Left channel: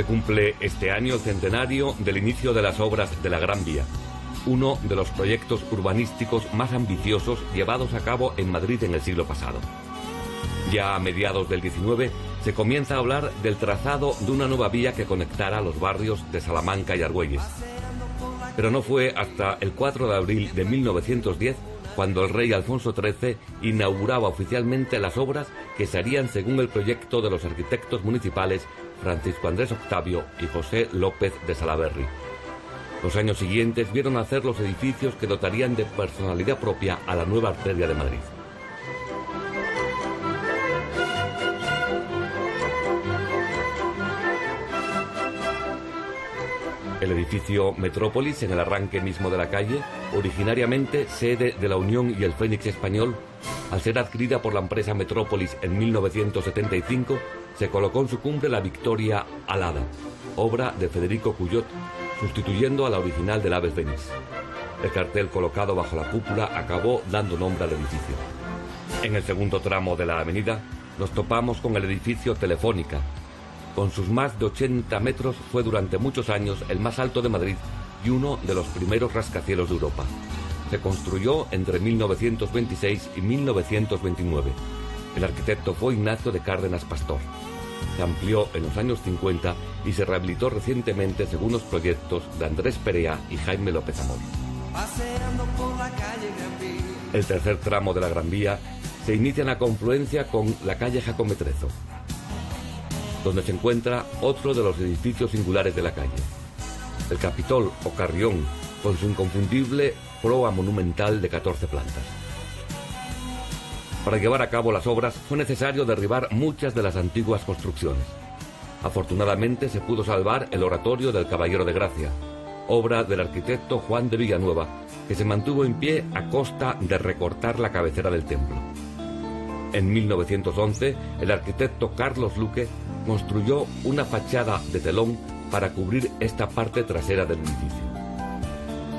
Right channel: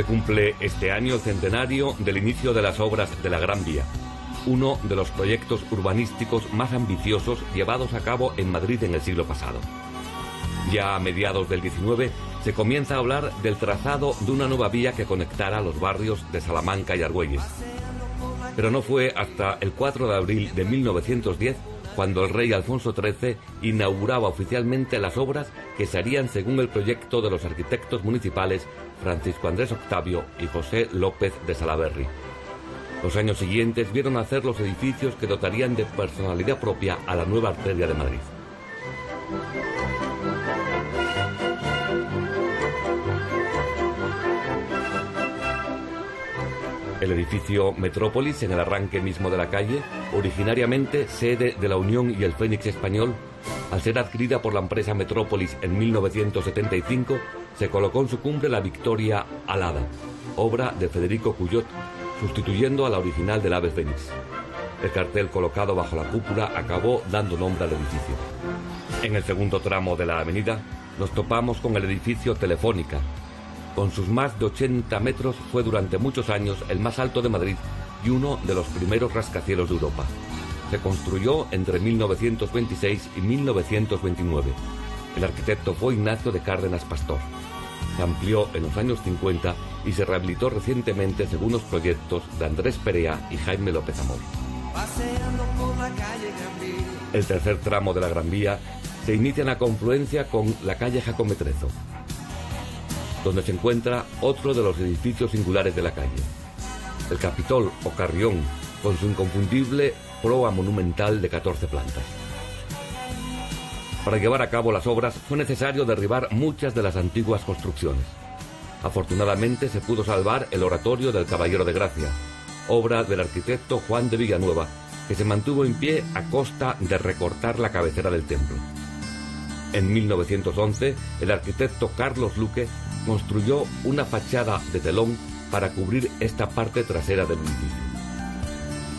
Se cumple este año el centenario del inicio de las obras de la Gran Vía, uno de los proyectos urbanísticos más ambiciosos llevados a cabo en Madrid en el siglo pasado. Ya a mediados del 19 se comienza a hablar del trazado de una nueva vía que conectara los barrios de Salamanca y Argüelles. Pero no fue hasta el 4 de abril de 1910 cuando el rey Alfonso XIII inauguraba oficialmente las obras que se harían según el proyecto de los arquitectos municipales Francisco Andrés Octavio y José López de Salaverry. Los años siguientes vieron nacer los edificios que dotarían de personalidad propia a la nueva arteria de Madrid. El edificio Metrópolis, en el arranque mismo de la calle, originariamente sede de la Unión y el Fénix Español, al ser adquirida por la empresa Metrópolis en 1975, se colocó en su cumbre la Victoria Alada, obra de Federico Cuyot, sustituyendo a la original del Ave Fénix. El cartel colocado bajo la cúpula acabó dando nombre al edificio. En el segundo tramo de la avenida nos topamos con el edificio Telefónica. Con sus más de 80 metros fue durante muchos años el más alto de Madrid y uno de los primeros rascacielos de Europa. Se construyó entre 1926 y 1929. El arquitecto fue Ignacio de Cárdenas Pastor. Se amplió en los años 50 y se rehabilitó recientemente según los proyectos de Andrés Perea y Jaime López Amor. El tercer tramo de la Gran Vía se inicia en la confluencia con la calle Jacometrezo, donde se encuentra otro de los edificios singulares de la calle, el Capitol o Carrión, con su inconfundible proa monumental de 14 plantas. Para llevar a cabo las obras fue necesario derribar muchas de las antiguas construcciones. Afortunadamente se pudo salvar el oratorio del Caballero de Gracia, obra del arquitecto Juan de Villanueva, que se mantuvo en pie a costa de recortar la cabecera del templo. En 1911, el arquitecto Carlos Luque construyó una fachada de telón para cubrir esta parte trasera del edificio.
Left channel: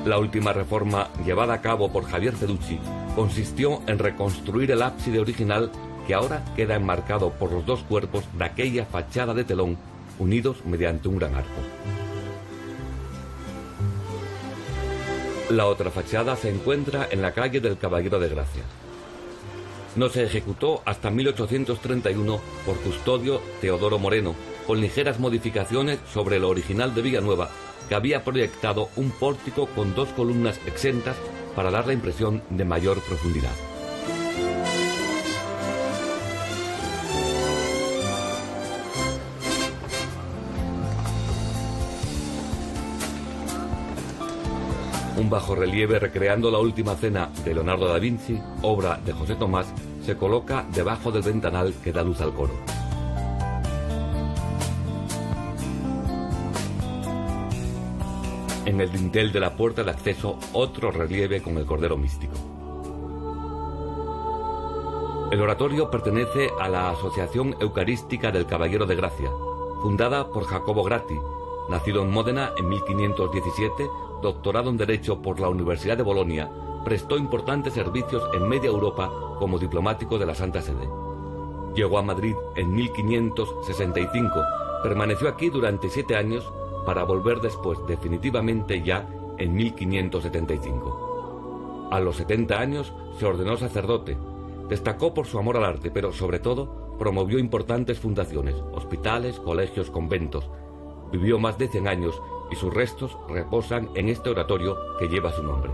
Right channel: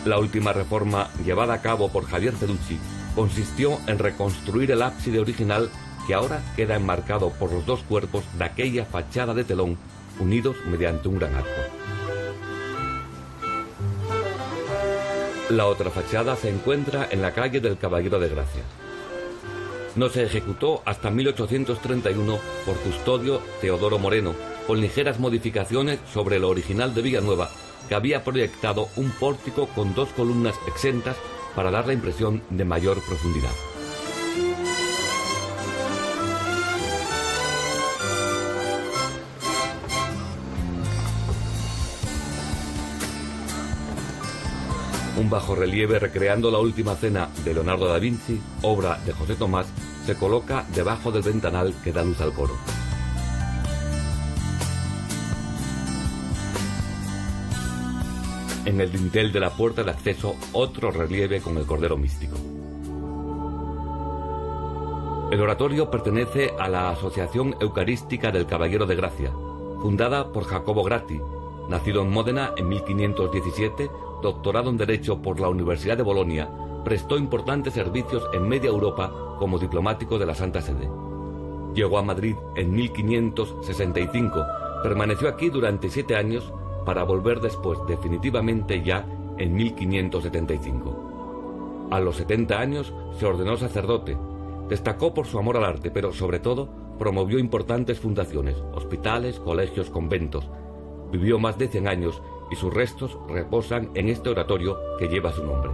La última reforma llevada a cabo por Javier Feducci consistió en reconstruir el ábside original, que ahora queda enmarcado por los dos cuerpos de aquella fachada de telón unidos mediante un gran arco. La otra fachada se encuentra en la calle del Caballero de Gracia. No se ejecutó hasta 1831 por Custodio Teodoro Moreno, con ligeras modificaciones sobre lo original de Villanueva, que había proyectado un pórtico con dos columnas exentas para dar la impresión de mayor profundidad. Un bajorrelieve recreando la Última Cena de Leonardo da Vinci, obra de José Tomás, se coloca debajo del ventanal que da luz al coro. En el dintel de la puerta de acceso, otro relieve con el Cordero Místico. El oratorio pertenece a la Asociación Eucarística del Caballero de Gracia, fundada por Jacobo Gratti, nacido en Módena en 1517, doctorado en Derecho por la Universidad de Bolonia, prestó importantes servicios en media Europa como diplomático de la Santa Sede. Llegó a Madrid en 1565, permaneció aquí durante 7 años para volver después definitivamente ya en 1575. A los 70 años se ordenó sacerdote, destacó por su amor al arte, pero sobre todo promovió importantes fundaciones, hospitales, colegios, conventos. Vivió más de 100 años y sus restos reposan en este oratorio que lleva su nombre.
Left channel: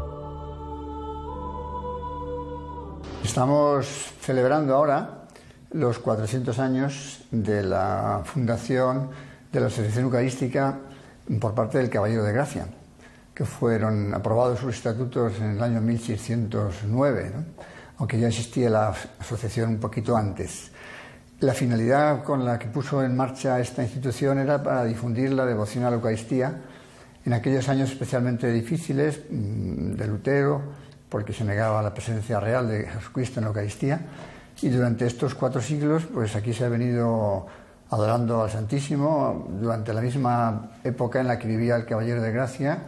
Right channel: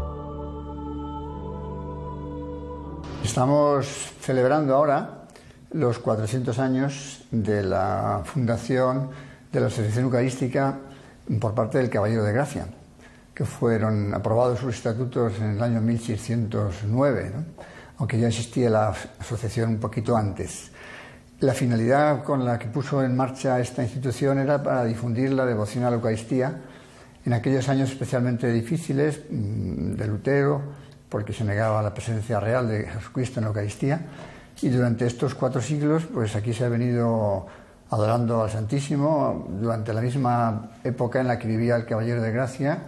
Estamos celebrando ahora los 400 años de la fundación de la Asociación Eucarística por parte del Caballero de Gracia, que fueron aprobados sus estatutos en el año 1609, ¿no? Aunque ya existía la asociación un poquito antes. La finalidad con la que puso en marcha esta institución era para difundir la devoción a la Eucaristía en aquellos años especialmente difíciles de Lutero, porque se negaba la presencia real de Jesucristo en la Eucaristía, y durante estos 4 siglos pues aquí se ha venido adorando al Santísimo. Durante la misma época en la que vivía el Caballero de Gracia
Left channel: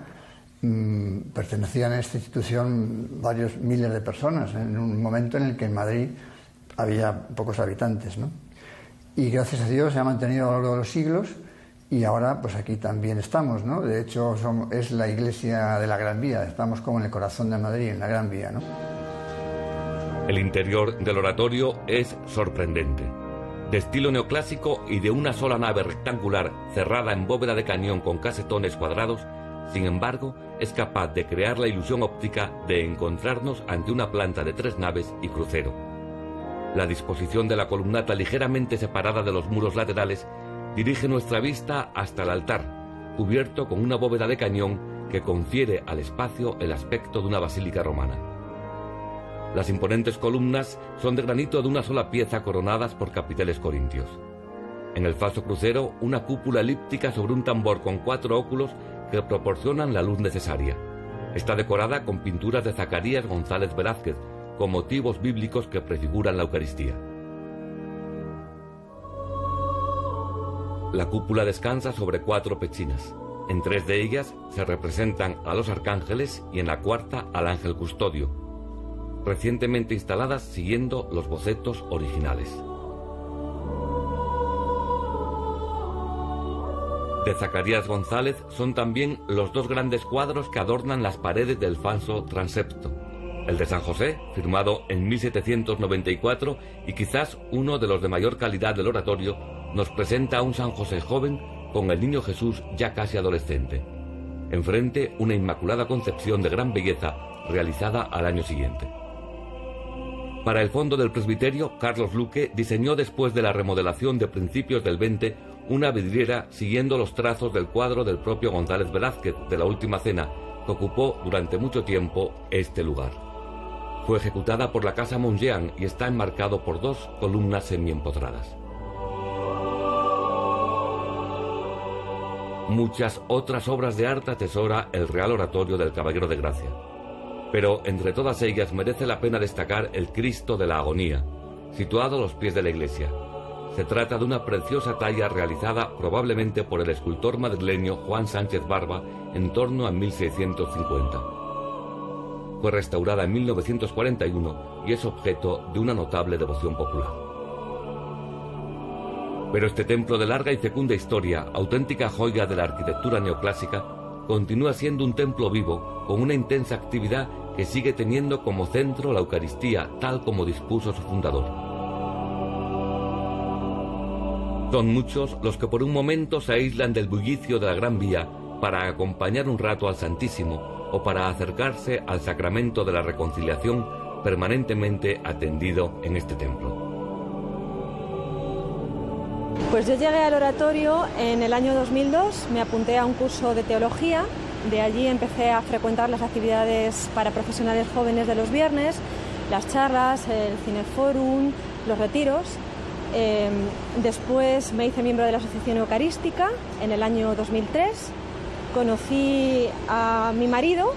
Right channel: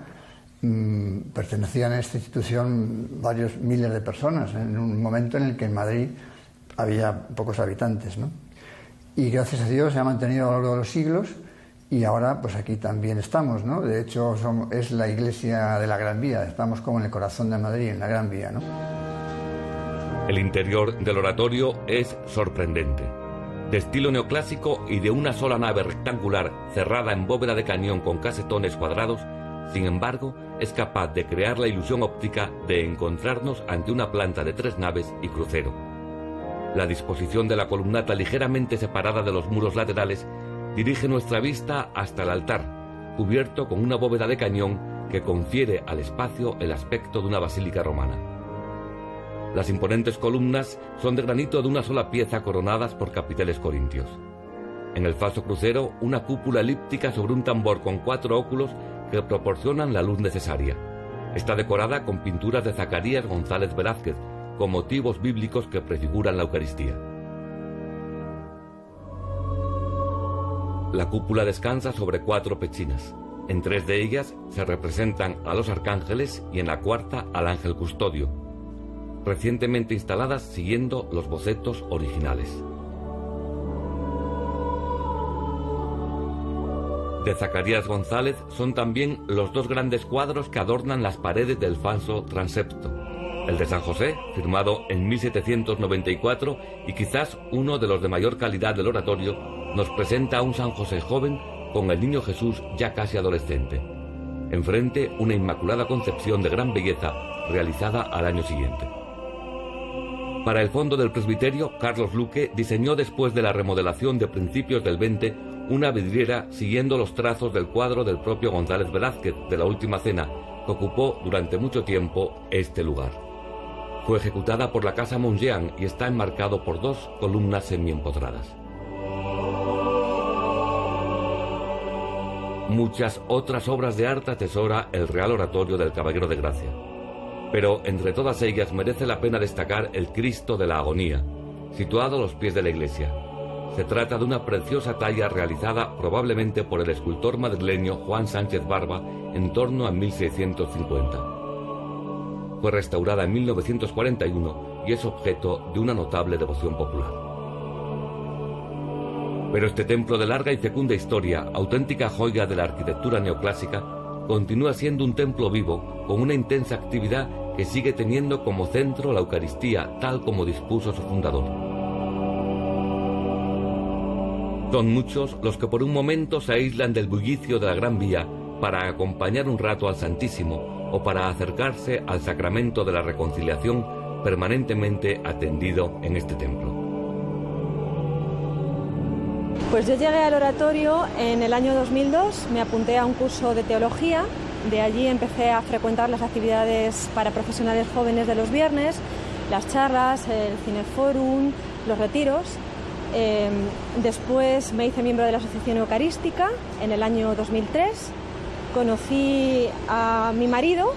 pertenecían a esta institución varios miles de personas, en un momento en el que en Madrid había pocos habitantes, ¿no? Y gracias a Dios se ha mantenido a lo largo de los siglos y ahora pues aquí también estamos, ¿no? De hecho es la iglesia de la Gran Vía, estamos como en el corazón de Madrid, en la Gran Vía, ¿no? El interior del oratorio es sorprendente. De estilo neoclásico y de una sola nave rectangular cerrada en bóveda de cañón con casetones cuadrados, sin embargo, es capaz de crear la ilusión óptica de encontrarnos ante una planta de 3 naves y crucero. La disposición de la columnata ligeramente separada de los muros laterales dirige nuestra vista hasta el altar, cubierto con una bóveda de cañón que confiere al espacio el aspecto de una basílica romana. Las imponentes columnas son de granito de una sola pieza coronadas por capiteles corintios. En el falso crucero, una cúpula elíptica sobre un tambor con 4 óculos que proporcionan la luz necesaria. Está decorada con pinturas de Zacarías González Velázquez, con motivos bíblicos que prefiguran la Eucaristía. La cúpula descansa sobre 4 pechinas. En 3 de ellas se representan a los arcángeles y en la 4ª al ángel custodio, recientemente instaladas siguiendo los bocetos originales. De Zacarías González son también los 2 grandes cuadros que adornan las paredes del falso transepto. El de San José, firmado en 1794 y quizás uno de los de mayor calidad del oratorio, nos presenta a un San José joven con el niño Jesús ya casi adolescente. Enfrente, una Inmaculada Concepción de gran belleza realizada al año siguiente. Para el fondo del presbiterio, Carlos Luque diseñó después de la remodelación de principios del 20 una vidriera siguiendo los trazos del cuadro del propio González Velázquez de la Última Cena, que ocupó durante mucho tiempo este lugar. Fue ejecutada por la Casa Montjean y está enmarcado por 2 columnas semiempotradas. Muchas otras obras de arte atesora el Real Oratorio del Caballero de Gracia, pero entre todas ellas merece la pena destacar el Cristo de la Agonía, situado a los pies de la iglesia. Se trata de una preciosa talla realizada probablemente por el escultor madrileño Juan Sánchez Barba en torno a 1650. Fue restaurada en 1941 y es objeto de una notable devoción popular. Pero este templo de larga y fecunda historia, auténtica joya de la arquitectura neoclásica, continúa siendo un templo vivo con una intensa actividad que sigue teniendo como centro la Eucaristía, tal como dispuso su fundador. Son muchos los que por un momento se aíslan del bullicio de la Gran Vía para acompañar un rato al Santísimo o para acercarse al sacramento de la reconciliación permanentemente atendido en este templo. Pues yo llegué al oratorio en el año 2002, me apunté a un curso de teología, de allí empecé a frecuentar las actividades para profesionales jóvenes de los viernes, las charlas, el cineforum, los retiros. Después me hice miembro de la Asociación Eucarística en el año 2003, conocí a mi marido,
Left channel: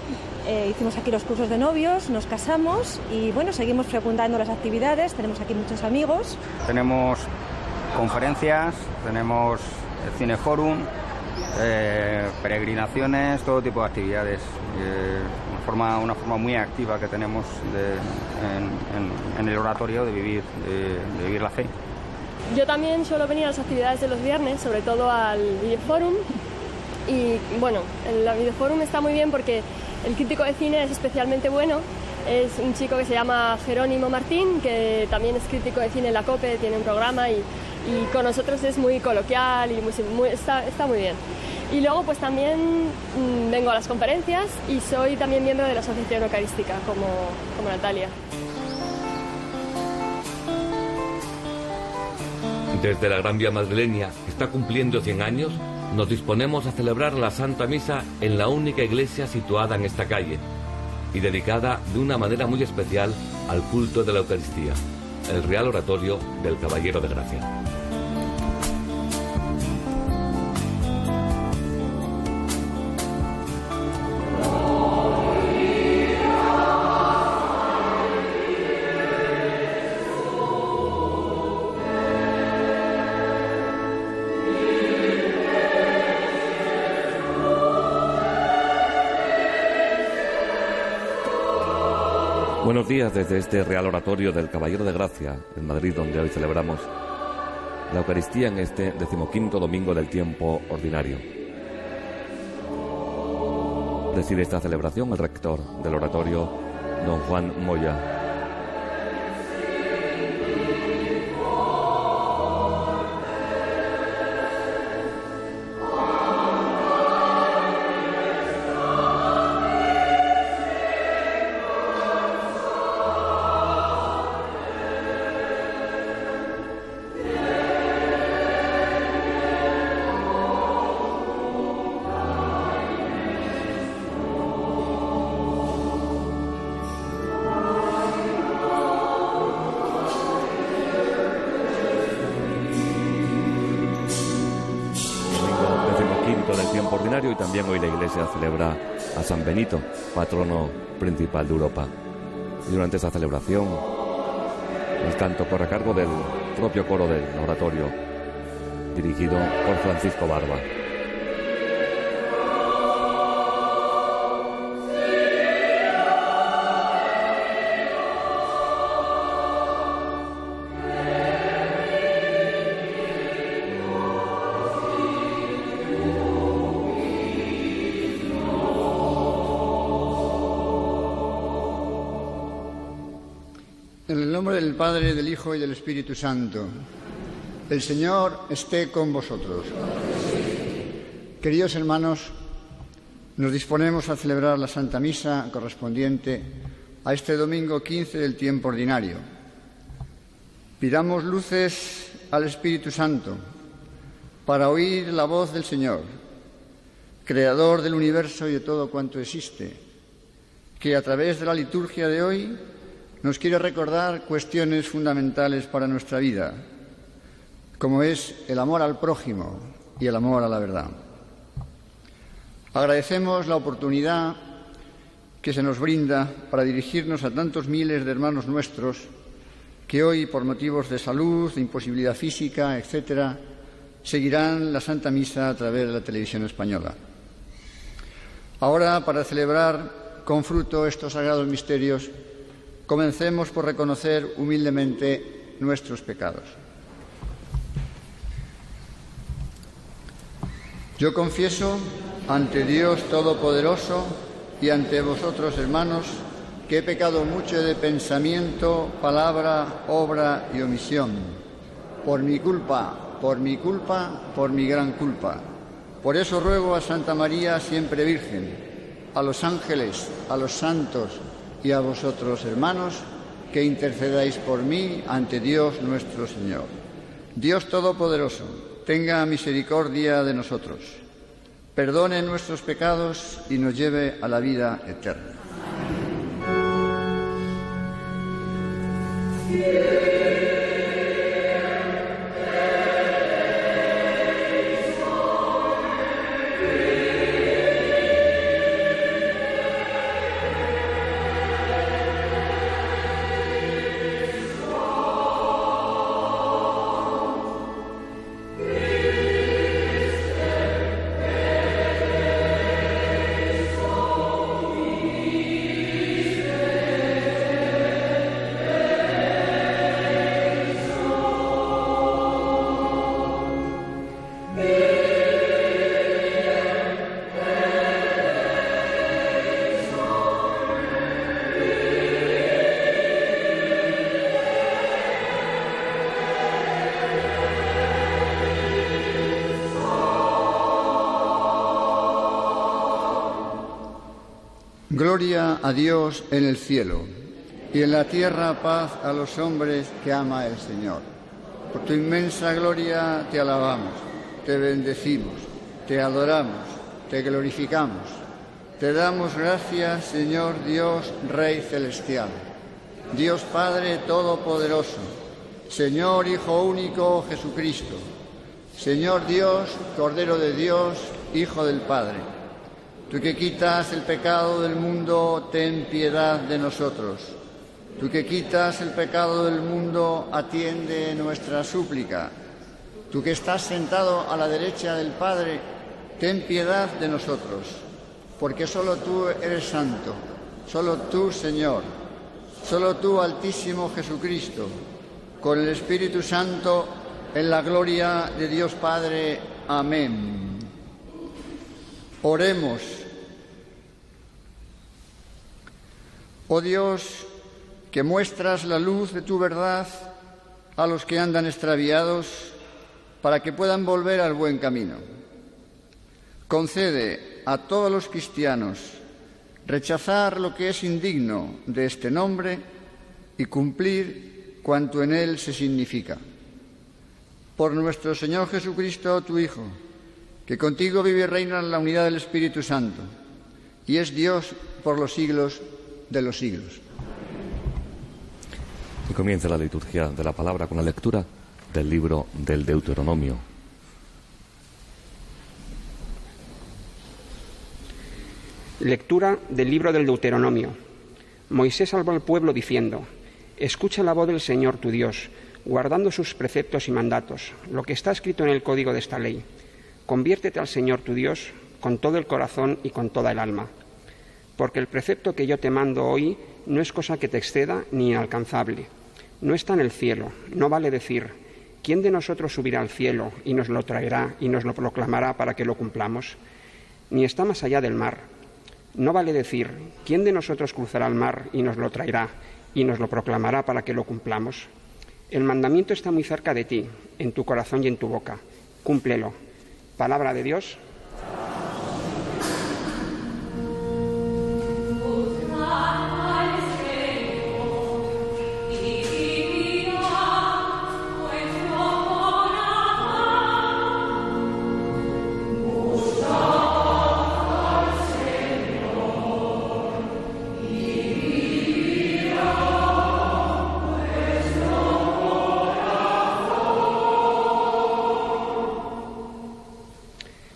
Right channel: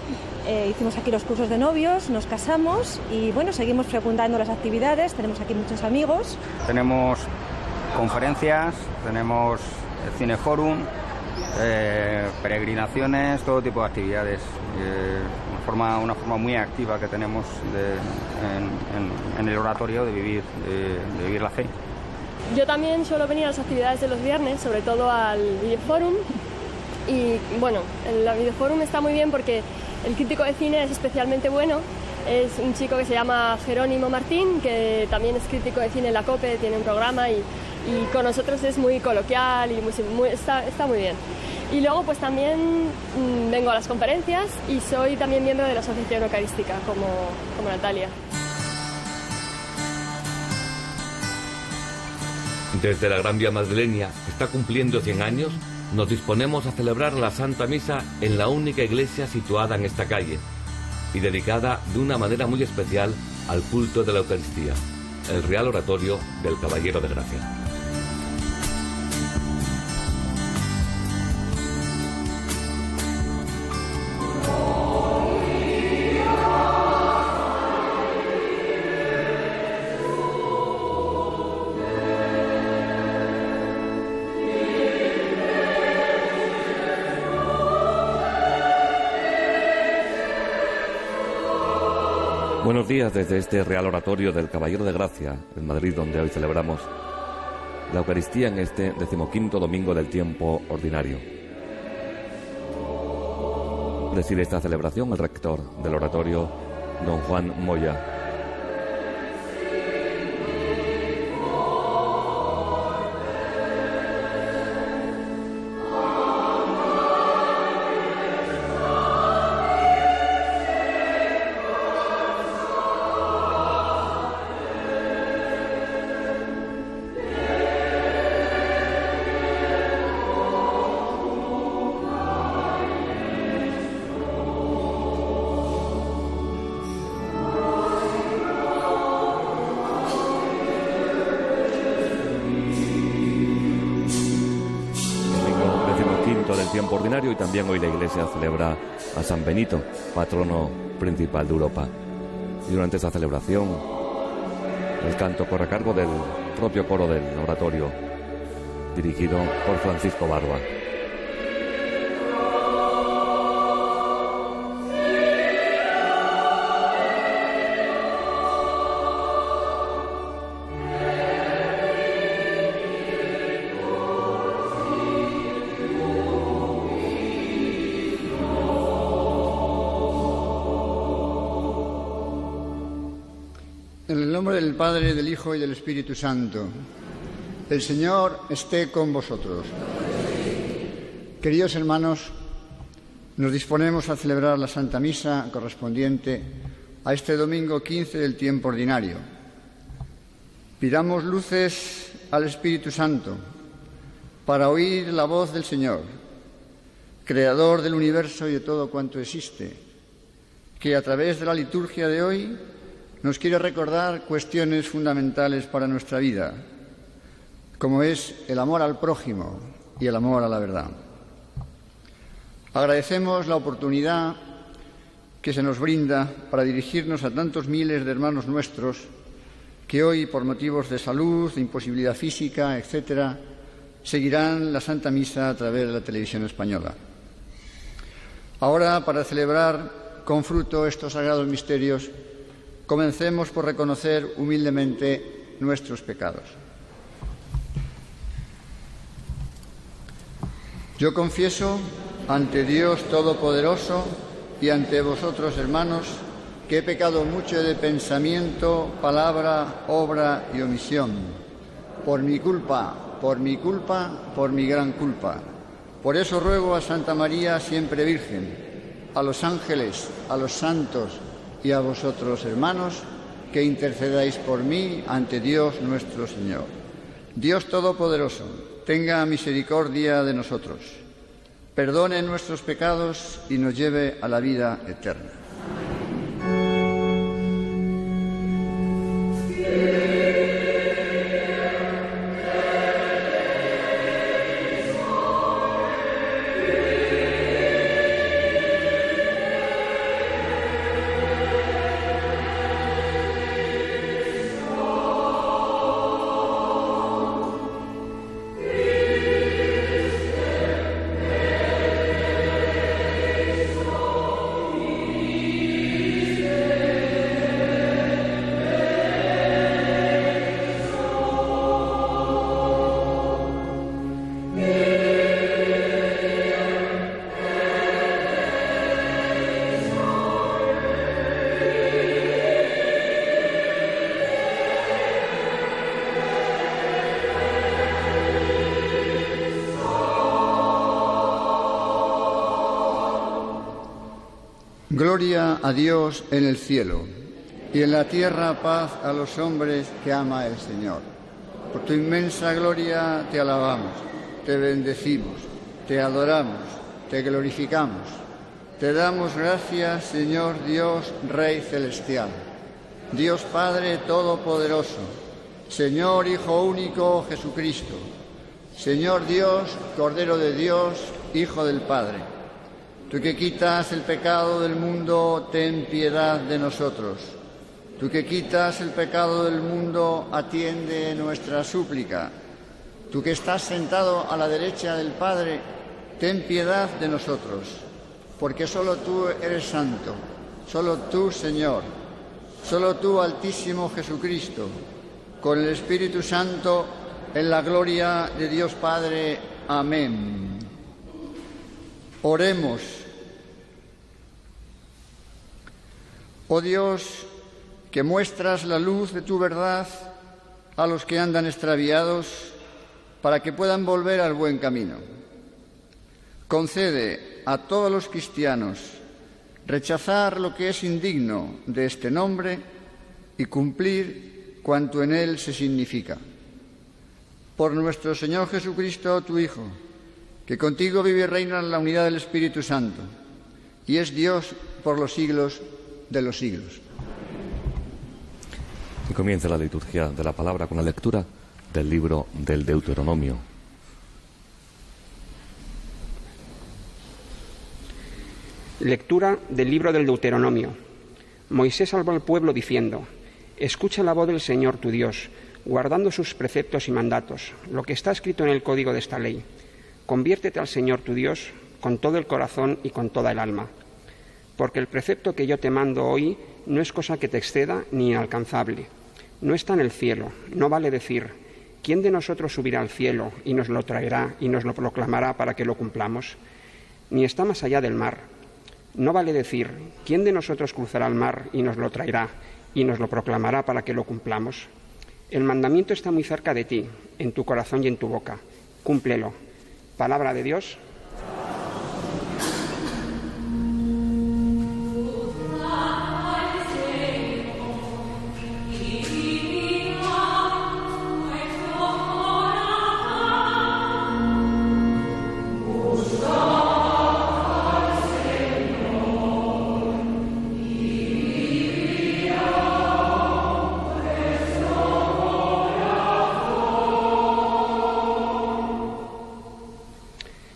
hicimos aquí los cursos de novios, nos casamos y bueno, seguimos frecuentando las actividades, tenemos aquí muchos amigos. Tenemos conferencias, tenemos el cineforum, peregrinaciones, todo tipo de actividades, una forma muy activa que tenemos en el oratorio de vivir la fe. Yo también suelo venir a las actividades de los viernes, sobre todo al Videoforum, y bueno, el Videoforum está muy bien porque el crítico de cine es especialmente bueno. Es un chico que se llama Jerónimo Martín, que también es crítico de cine en la COPE, tiene un programa y con nosotros es muy coloquial y está muy bien. Y luego pues también vengo a las conferencias y soy también miembro de la Asociación Eucarística, como Natalia. Desde la Gran Vía madrileña, que está cumpliendo 100 años, nos disponemos a celebrar la Santa Misa en la única iglesia situada en esta calle y dedicada de una manera muy especial al culto de la Eucaristía, el Real Oratorio del Caballero de Gracia. Buenos días desde este Real Oratorio del Caballero de Gracia, en Madrid, donde hoy celebramos la Eucaristía en este 15º domingo del tiempo ordinario. Preside esta celebración el rector del oratorio, don Juan Moya. Del tiempo ordinario, y también hoy la Iglesia celebra a San Benito, patrono principal de Europa. Y durante esta celebración el canto corre a cargo del propio coro del oratorio, dirigido por Francisco Barba. En el nombre del Padre, del Hijo y del Espíritu Santo. El Señor esté con vosotros. Queridos hermanos, nos disponemos a celebrar la Santa Misa correspondiente a este domingo 15 del tiempo ordinario. Pidamos luces al Espíritu Santo para oír la voz del Señor, Creador del universo y de todo cuanto existe, que a través de la liturgia de hoy nos quiere recordar cuestiones fundamentales para nuestra vida, como es el amor al prójimo y el amor a la verdad. Agradecemos la oportunidad que se nos brinda para dirigirnos a tantos miles de hermanos nuestros que hoy, por motivos de salud, de imposibilidad física, etc., seguirán la Santa Misa a través de la televisión española. Ahora, para celebrar con fruto estos sagrados misterios, comencemos por reconocer humildemente nuestros pecados. Yo confieso ante Dios Todopoderoso y ante vosotros, hermanos, que he pecado mucho de pensamiento, palabra, obra y omisión, por mi culpa, por mi gran culpa. Por eso ruego a Santa María, siempre Virgen, a los ángeles, a los santos y a vosotros, hermanos, que intercedáis por mí ante Dios nuestro Señor. Dios Todopoderoso, tenga misericordia de nosotros, perdone nuestros pecados y nos lleve a la vida eterna. Gloria a Dios en el cielo y en la tierra paz a los hombres que ama el Señor. Por tu inmensa gloria te alabamos, te bendecimos, te adoramos, te glorificamos. Te damos gracias, Señor Dios, Rey celestial, Dios Padre Todopoderoso, Señor Hijo único Jesucristo, Señor Dios, Cordero de Dios, Hijo del Padre. Tú que quitas el pecado del mundo, ten piedad de nosotros. Tú que quitas el pecado del mundo, atiende nuestra súplica. Tú que estás sentado a la derecha del Padre, ten piedad de nosotros. Porque solo tú eres santo, solo tú, Señor, solo tú, Altísimo Jesucristo, con el Espíritu Santo, en la gloria de Dios Padre. Amén. Oremos. Oh Dios, que muestras la luz de tu verdad a los que andan extraviados para que puedan volver al buen camino. Concede a todos los cristianos rechazar lo que es indigno de este nombre y cumplir cuanto en él se significa. Por nuestro Señor Jesucristo, tu Hijo, que contigo vive y reina en la unidad del Espíritu Santo, y es Dios por los siglos de los siglos. Y comienza la liturgia de la palabra con la lectura del libro del Deuteronomio. Lectura del libro del Deuteronomio. Moisés habló al pueblo diciendo: Escucha la voz del Señor tu Dios, guardando sus preceptos y mandatos, lo que está escrito en el código de esta ley. Conviértete al Señor tu Dios con todo el corazón y con toda el alma. Porque el precepto que yo te mando hoy no es cosa que te exceda ni inalcanzable. No está en el cielo, no vale decir: ¿quién de nosotros subirá al cielo y nos lo traerá y nos lo proclamará para que lo cumplamos? Ni está más allá del mar. No vale decir: ¿quién de nosotros cruzará el mar y nos lo traerá y nos lo proclamará para que lo cumplamos? El mandamiento está muy cerca de ti, en tu corazón y en tu boca. Cúmplelo. Palabra de Dios.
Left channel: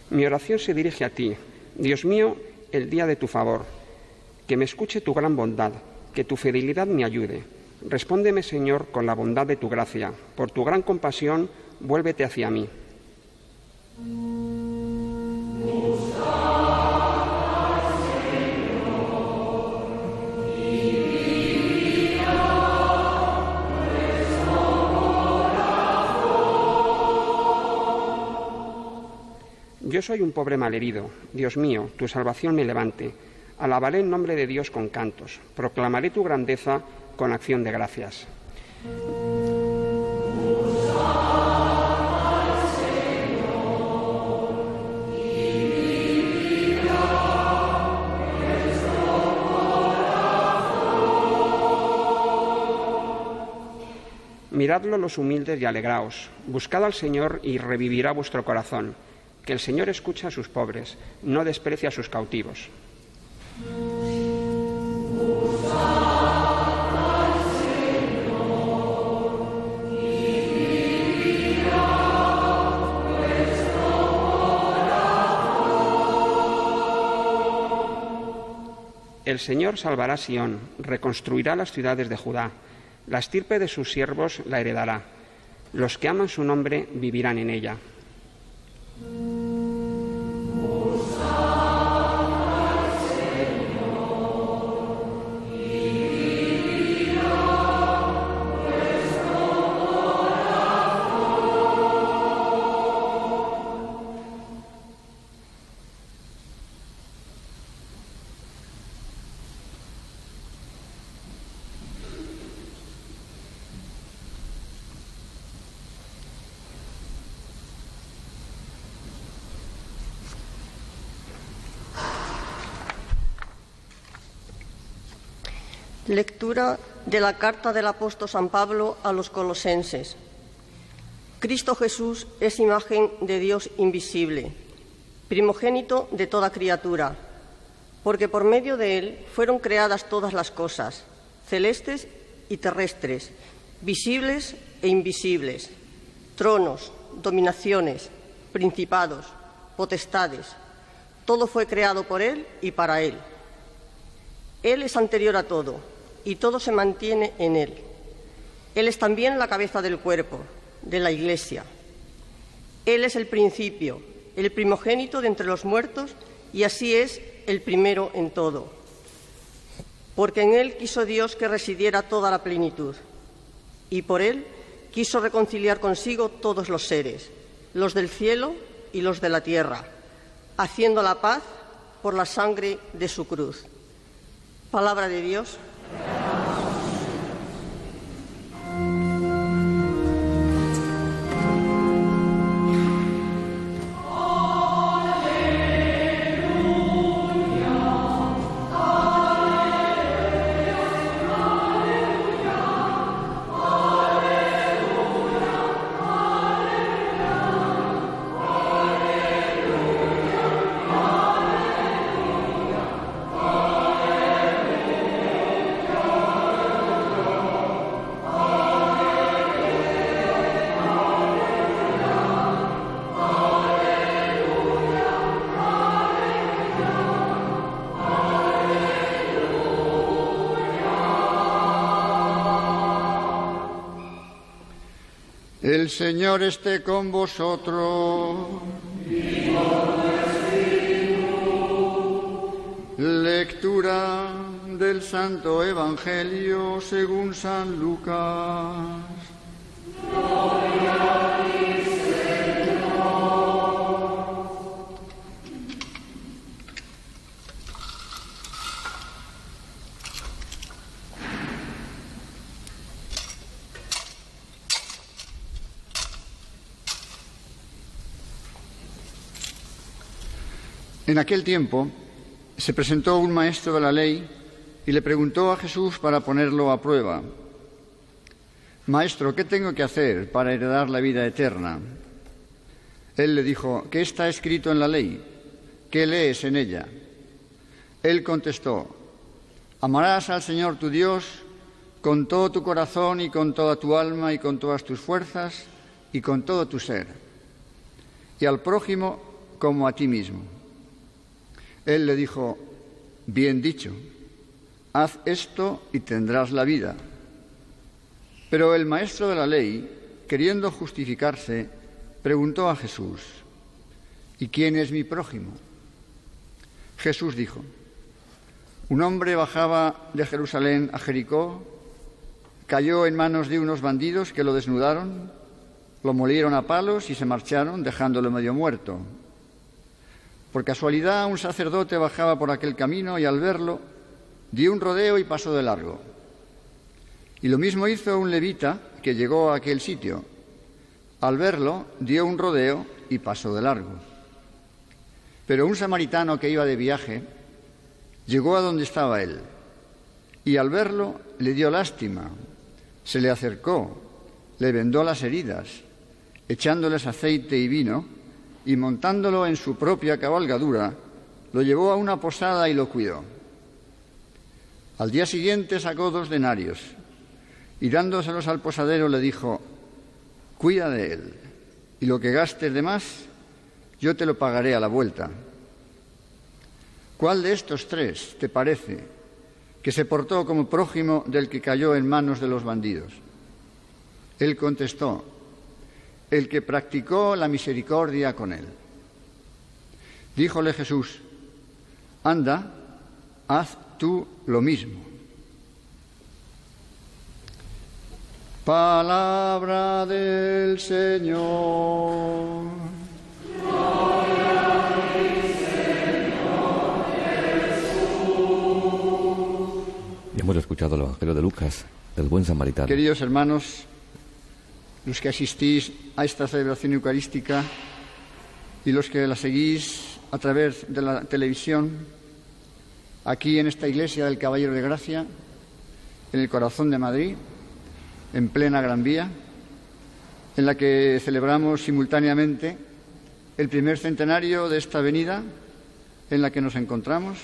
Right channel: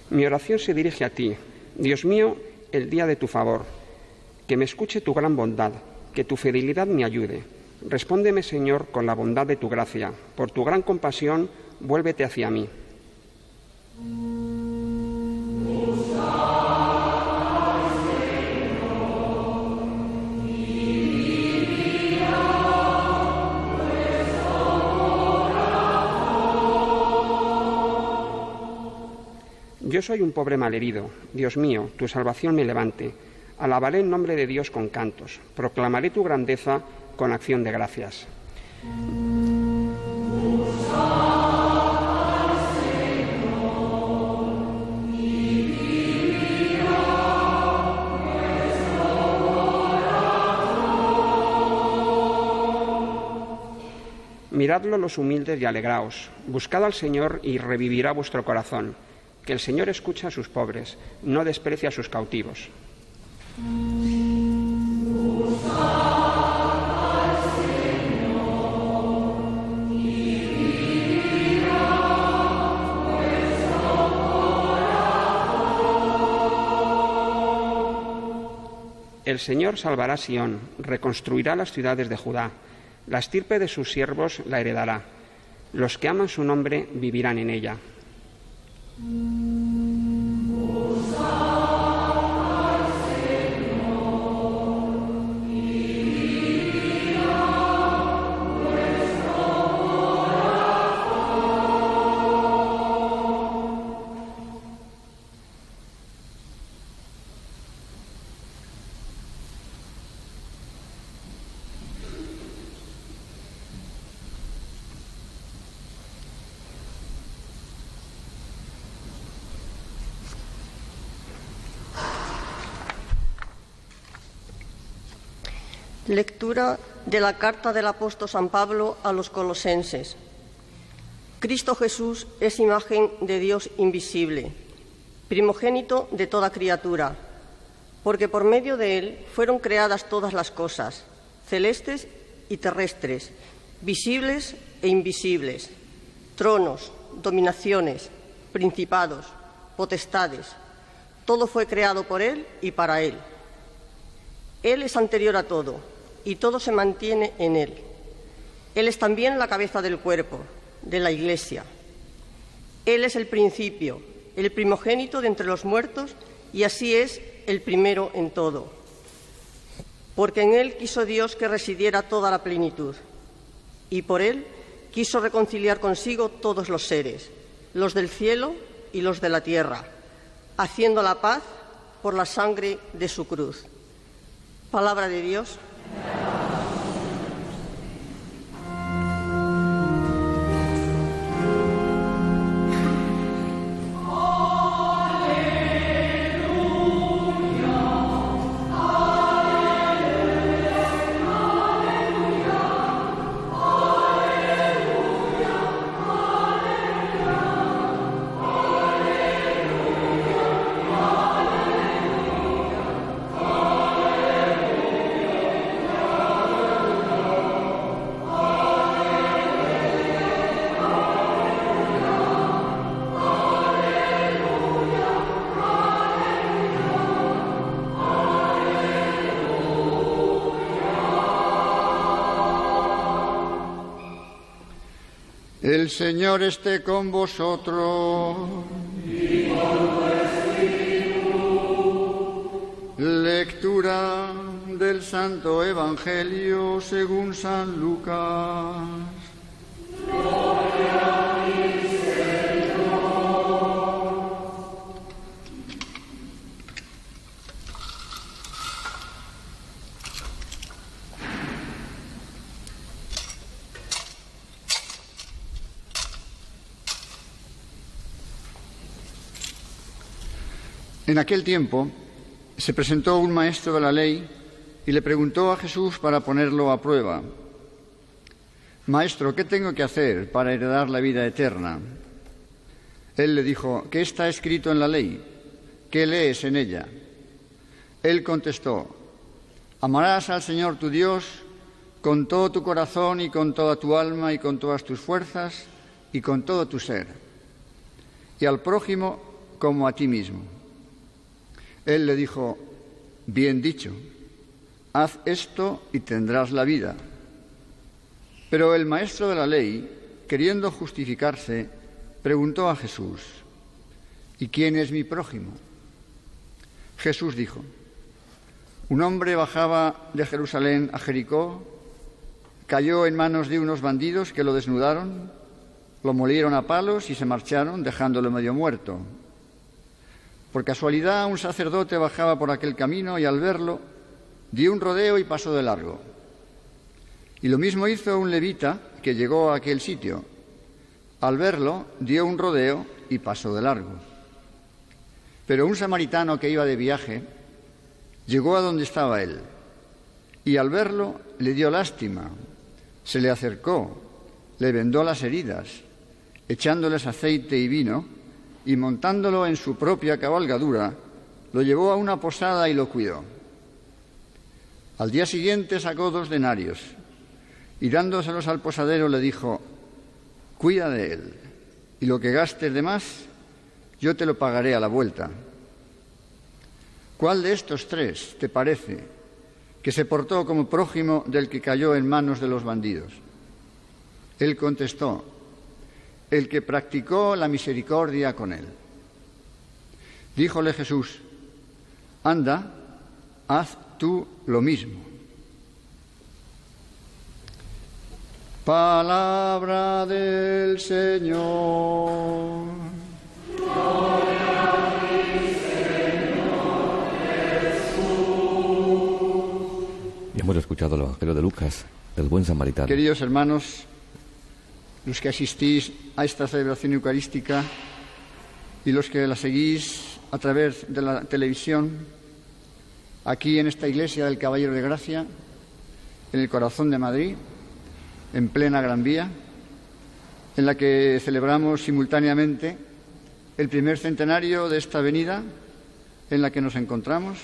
Mi oración se dirige a ti, Dios mío, el día de tu favor. Que me escuche tu gran bondad, que tu fidelidad me ayude. Respóndeme, Señor, con la bondad de tu gracia. Por tu gran compasión, vuélvete hacia mí. Yo soy un pobre malherido. Dios mío, tu salvación me levante. Alabaré el nombre de Dios con cantos. Proclamaré tu grandeza con acción de gracias. Miradlo los humildes y alegraos. Buscad al Señor y revivirá vuestro corazón. Que el Señor escucha a sus pobres, no desprecia a sus cautivos. El Señor salvará a Sión, reconstruirá las ciudades de Judá. La estirpe de sus siervos la heredará. Los que aman su nombre vivirán en ella. Lectura de la carta del apóstol San Pablo a los colosenses. Cristo Jesús es imagen de Dios invisible, primogénito de toda criatura, porque por medio de Él fueron creadas todas las cosas, celestes y terrestres, visibles e invisibles, tronos, dominaciones, principados, potestades. Todo fue creado por Él y para Él. Él es anterior a todo, y todo se mantiene en Él. Él es también la cabeza del cuerpo, de la Iglesia. Él es el principio, el primogénito de entre los muertos, y así es el primero en todo. Porque en Él quiso Dios que residiera toda la plenitud, y por Él quiso reconciliar consigo todos los seres, los del cielo y los de la tierra, haciendo la paz por la sangre de su cruz. Palabra de Dios. El Señor esté con vosotros. Y con tu espíritu. Lectura del Santo Evangelio según San Lucas. Gloria a ti, Señor. En aquel tiempo se presentó un maestro de la ley y le preguntó a Jesús para ponerlo a prueba: Maestro, ¿qué tengo que hacer para heredar la vida eterna? Él le dijo: ¿qué está escrito en la ley? ¿Qué lees en ella? Él contestó: amarás al Señor tu Dios con todo tu corazón y con toda tu alma y con todas tus fuerzas y con todo tu ser, y al prójimo como a ti mismo. Él le dijo: bien dicho, haz esto y tendrás la vida. Pero el maestro de la ley, queriendo justificarse, preguntó a Jesús: ¿y quién es mi prójimo? Jesús dijo: un hombre bajaba de Jerusalén a Jericó, cayó en manos de unos bandidos que lo desnudaron, lo molieron a palos y se marcharon, dejándolo medio muerto. Por casualidad, un sacerdote bajaba por aquel camino y al verlo, dio un rodeo y pasó de largo. Y lo mismo hizo un levita que llegó a aquel sitio. Al verlo, dio un rodeo y pasó de largo. Pero un samaritano que iba de viaje llegó a donde estaba él y al verlo le dio lástima, se le acercó, le vendó las heridas, echándoles aceite y vino, y montándolo en su propia cabalgadura, lo llevó a una posada y lo cuidó. Al día siguiente sacó 2 denarios y dándoselos al posadero le dijo: cuida de él, y lo que gastes de más, yo te lo pagaré a la vuelta. ¿Cuál de estos 3 te parece que se portó como prójimo del que cayó en manos de los bandidos? Él contestó: el que practicó la misericordia con él. Díjole Jesús: anda, haz tú lo mismo. Palabra del Señor. Gloria a ti, Señor Jesús. Y hemos escuchado el Evangelio de Lucas, del buen samaritano. Queridos hermanos, los que asistís a esta celebración eucarística y los que la seguís a través de la televisión, aquí en esta iglesia del Caballero de Gracia, en el corazón de Madrid, en plena Gran Vía, en la que celebramos simultáneamente el primer centenario de esta avenida en la que nos encontramos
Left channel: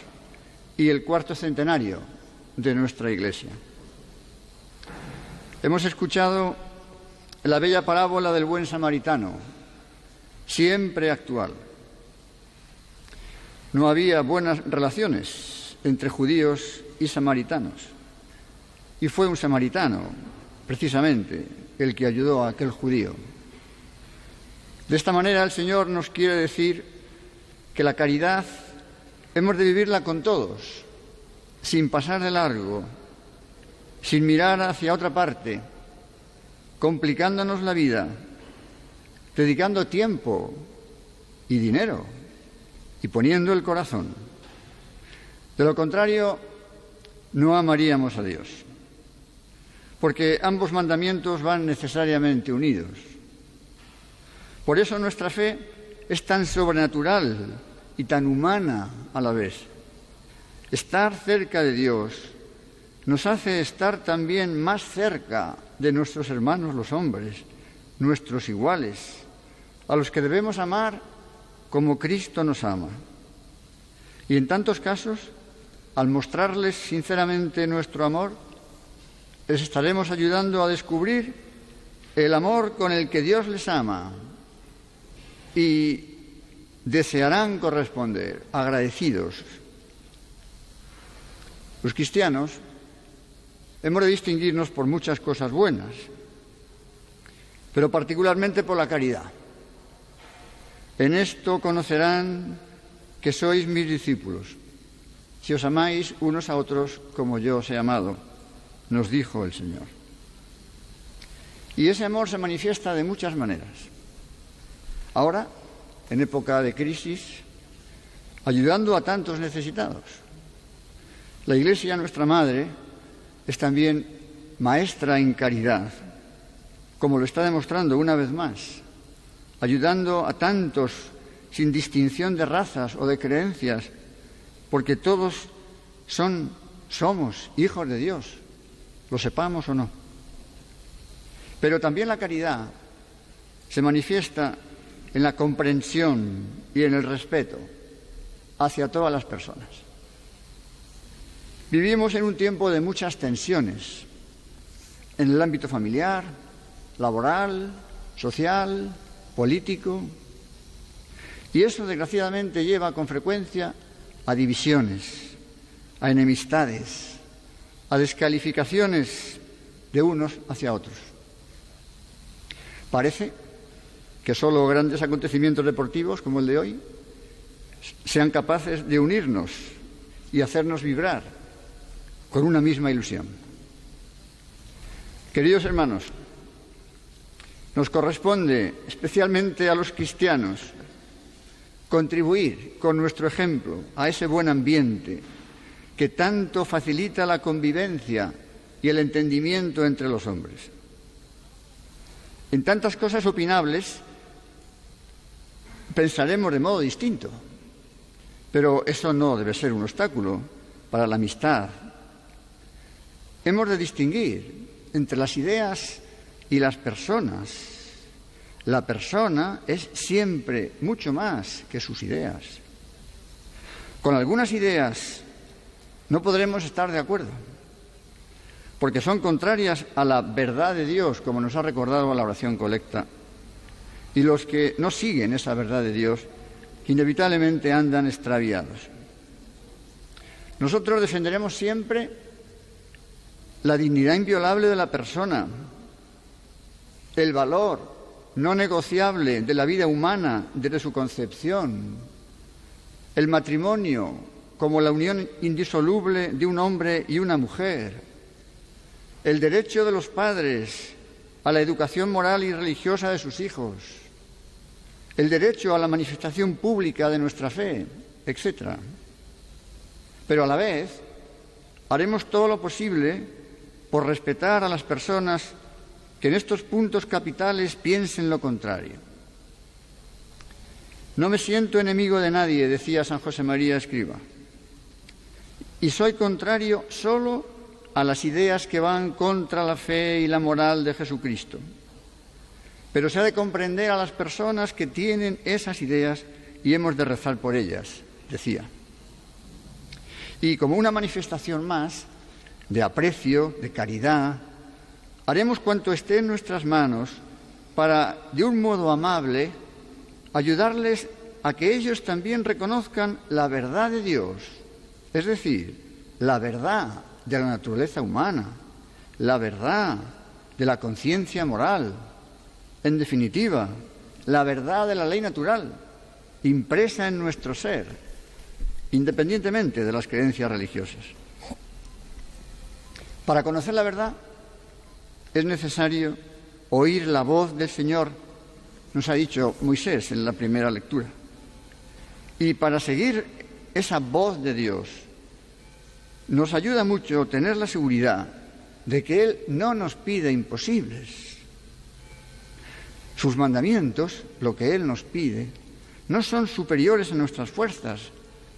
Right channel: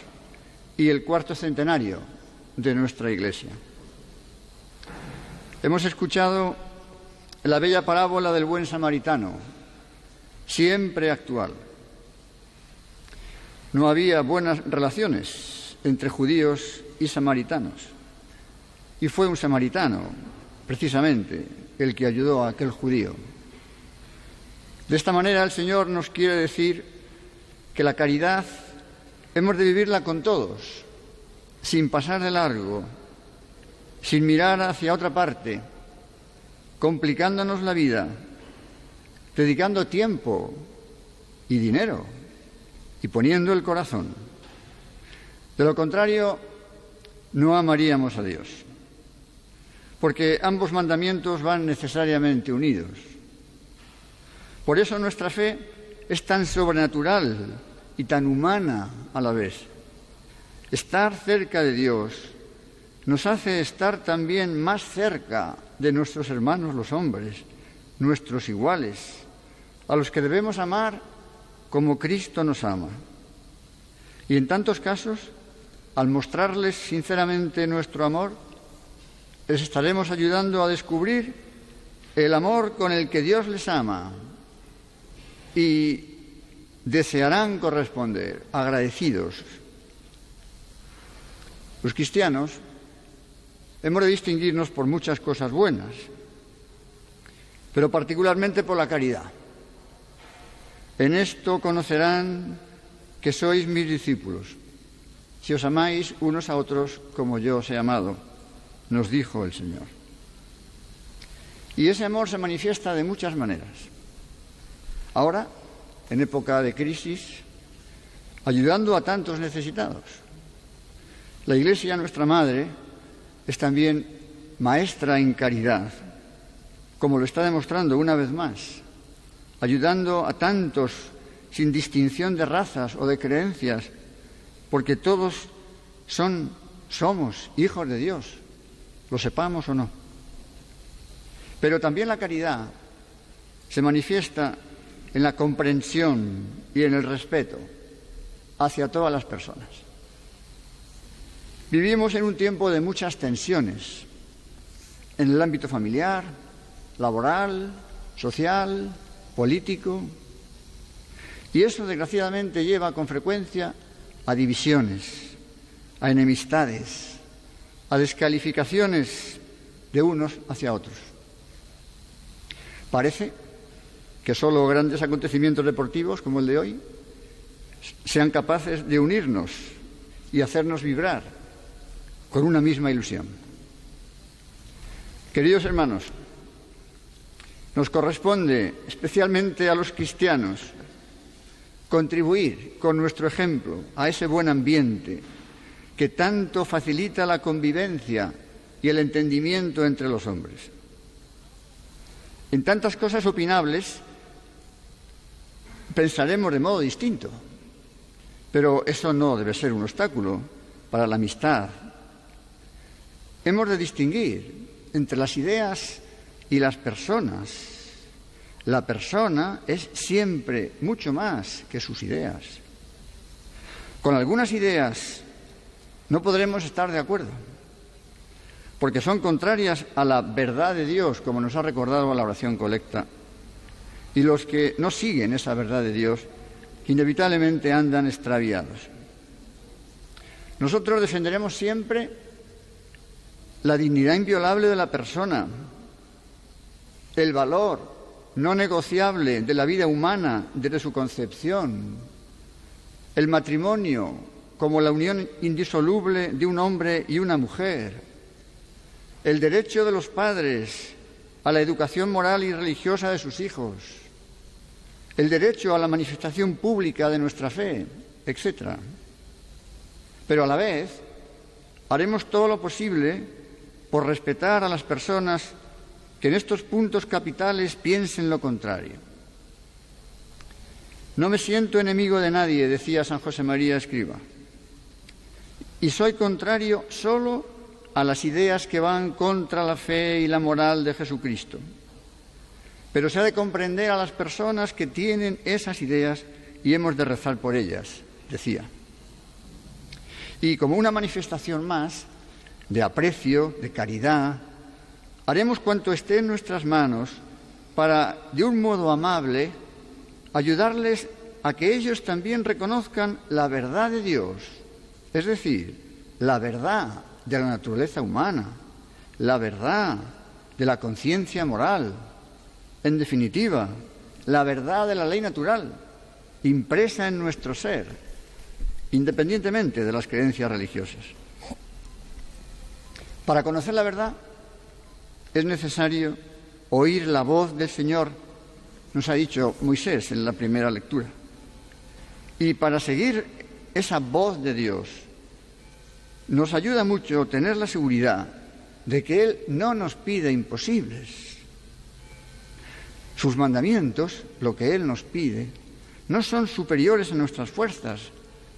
y el 4º centenario de nuestra iglesia. Hemos escuchado la bella parábola del buen samaritano, siempre actual. No había buenas relaciones entre judíos y samaritanos. Y fue un samaritano, precisamente, el que ayudó a aquel judío. De esta manera el Señor nos quiere decir que la caridad hemos de vivirla con todos, sin pasar de largo, sin mirar hacia otra parte, complicándonos la vida, dedicando tiempo y dinero y poniendo el corazón. De lo contrario, no amaríamos a Dios, porque ambos mandamientos van necesariamente unidos. Por eso nuestra fe es tan sobrenatural y tan humana a la vez. Estar cerca de Dios nos hace estar también más cerca de nuestros hermanos los hombres, nuestros iguales, a los que debemos amar como Cristo nos ama. Y en tantos casos, al mostrarles sinceramente nuestro amor, les estaremos ayudando a descubrir el amor con el que Dios les ama y desearán corresponder, agradecidos. Los cristianos hemos de distinguirnos por muchas cosas buenas, pero particularmente por la caridad. En esto conocerán que sois mis discípulos, si os amáis unos a otros como yo os he amado, nos dijo el Señor. Y ese amor se manifiesta de muchas maneras. Ahora, en época de crisis, ayudando a tantos necesitados. La Iglesia, nuestra Madre, es también maestra en caridad, como lo está demostrando una vez más, ayudando a tantos sin distinción de razas o de creencias, porque todos somos hijos de Dios, lo sepamos o no. Pero también la caridad se manifiesta en la comprensión y en el respeto hacia todas las personas. Vivimos en un tiempo de muchas tensiones, en el ámbito familiar, laboral, social, político, y eso desgraciadamente lleva con frecuencia a divisiones, a enemistades, a descalificaciones de unos hacia otros. Parece que solo grandes acontecimientos deportivos como el de hoy sean capaces de unirnos y hacernos vibrar con una misma ilusión. Queridos hermanos, nos corresponde, especialmente a los cristianos, contribuir con nuestro ejemplo a ese buen ambiente que tanto facilita la convivencia y el entendimiento entre los hombres. En tantas cosas opinables pensaremos de modo distinto, pero eso no debe ser un obstáculo para la amistad. Hemos de distinguir entre las ideas y las personas. La persona es siempre mucho más que sus ideas. Con algunas ideas no podremos estar de acuerdo, porque son contrarias a la verdad de Dios, como nos ha recordado la oración colecta. Y los que no siguen esa verdad de Dios, inevitablemente andan extraviados. Nosotros defenderemos siempre la dignidad inviolable de la persona, el valor no negociable de la vida humana desde su concepción, el matrimonio como la unión indisoluble de un hombre y una mujer, el derecho de los padres a la educación moral y religiosa de sus hijos, el derecho a la manifestación pública de nuestra fe, etc. Pero a la vez haremos todo lo posible por respetar a las personas que en estos puntos capitales piensen lo contrario. No me siento enemigo de nadie, decía San José María Escriba, y soy contrario solo a las ideas que van contra la fe y la moral de Jesucristo. Pero se ha de comprender a las personas que tienen esas ideas y hemos de rezar por ellas, decía. Y como una manifestación más de aprecio, de caridad, haremos cuanto esté en nuestras manos para, de un modo amable, ayudarles a que ellos también reconozcan la verdad de Dios, es decir, la verdad de la naturaleza humana, la verdad de la conciencia moral, en definitiva, la verdad de la ley natural, impresa en nuestro ser, independientemente de las creencias religiosas. Para conocer la verdad es necesario oír la voz del Señor, nos ha dicho Moisés en la primera lectura. Y para seguir esa voz de Dios, nos ayuda mucho tener la seguridad de que Él no nos pide imposibles. Sus mandamientos, lo que Él nos pide, no son superiores a nuestras fuerzas,